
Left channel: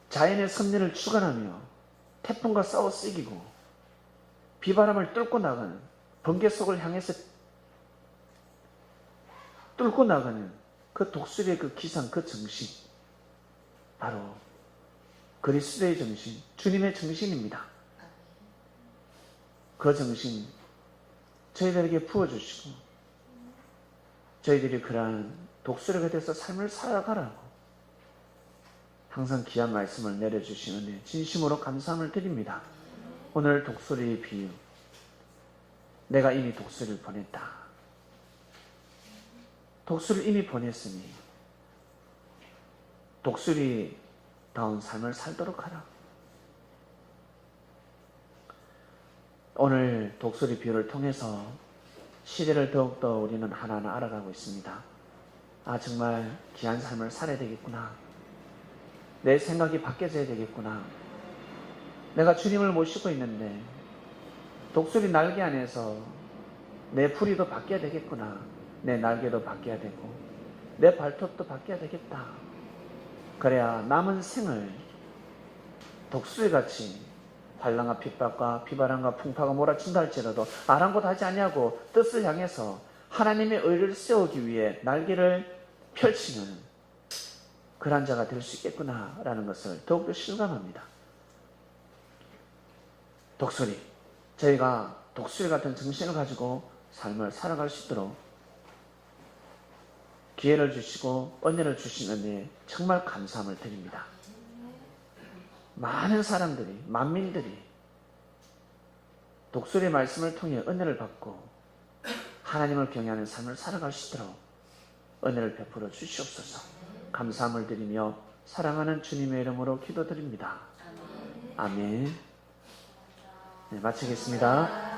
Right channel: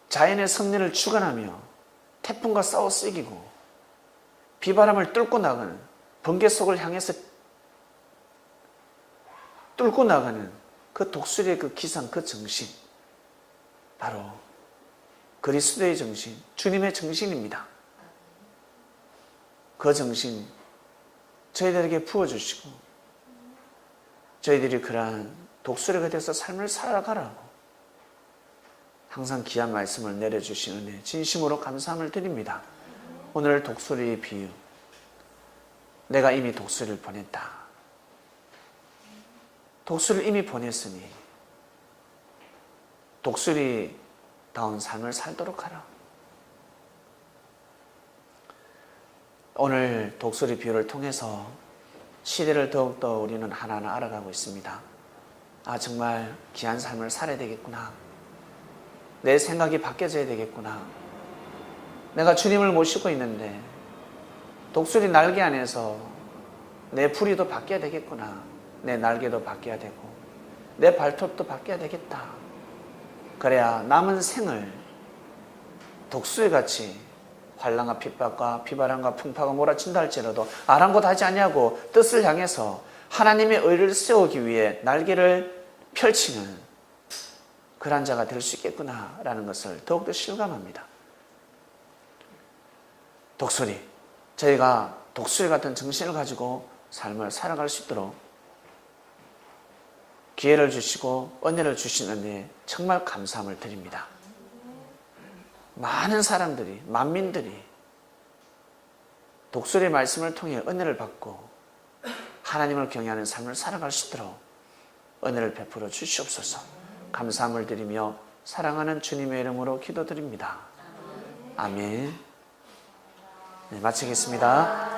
자연의 섭리를 주관하며 태풍과 싸워 쓰기고 비바람을 뚫고 나가는, 번개 속을 향해서 뚫고 나가는 그 독수리의 그 기상, 그 정신, 바로 그리스도의 정신, 주님의 정신입니다. 그 정신 저희들에게 부어주시고 저희들이 그러한 독수리가 돼서 삶을 살아가라고 항상 귀한 말씀을 내려주시는 은혜 진심으로 감사함을 드립니다. 오늘 독수리의 비유, 내가 이미 독수리를 보냈다. 독수리를 이미 보냈으니 독수리다운 삶을 살도록 하라. 오늘 독수리 비유를 통해서 시대를 더욱더 우리는 하나하나 알아가고 있습니다. 아, 정말 귀한 삶을 살아야 되겠구나. 내 생각이 바뀌어져야 되겠구나. 내가 주님을 모시고 있는데 독수리 날개 안에서 내 부리도 바뀌어야 되겠구나. 내 날개도 바뀌어야 되고 내 발톱도 바뀌어야 되겠다. 그래야 남은 생을 독수리같이 환난과 핍박과 비바람과 풍파가 몰아친다 할지라도 아랑곳하지 아니하고 뜻을 향해서 하나님의 의를 세우기 위해 날개를 펼치는 그런 자가 될 수 있겠구나라는 것을 더욱더 실감합니다. 독수리, 저희가 독수리 같은 정신을 가지고 삶을 살아갈 수 있도록 기회를 주시고 은혜를 주신 은혜에 정말 감사함을 드립니다. 많은 사람들이, 만민들이 독수리의 말씀을 통해 은혜를 받고 하나님을 경외하는 삶을 살아갈 수 있도록 은혜를 베풀어 주시옵소서. 감사함을 드리며 사랑하는 주님의 이름으로 기도드립니다. 아멘. 네, 마치겠습니다.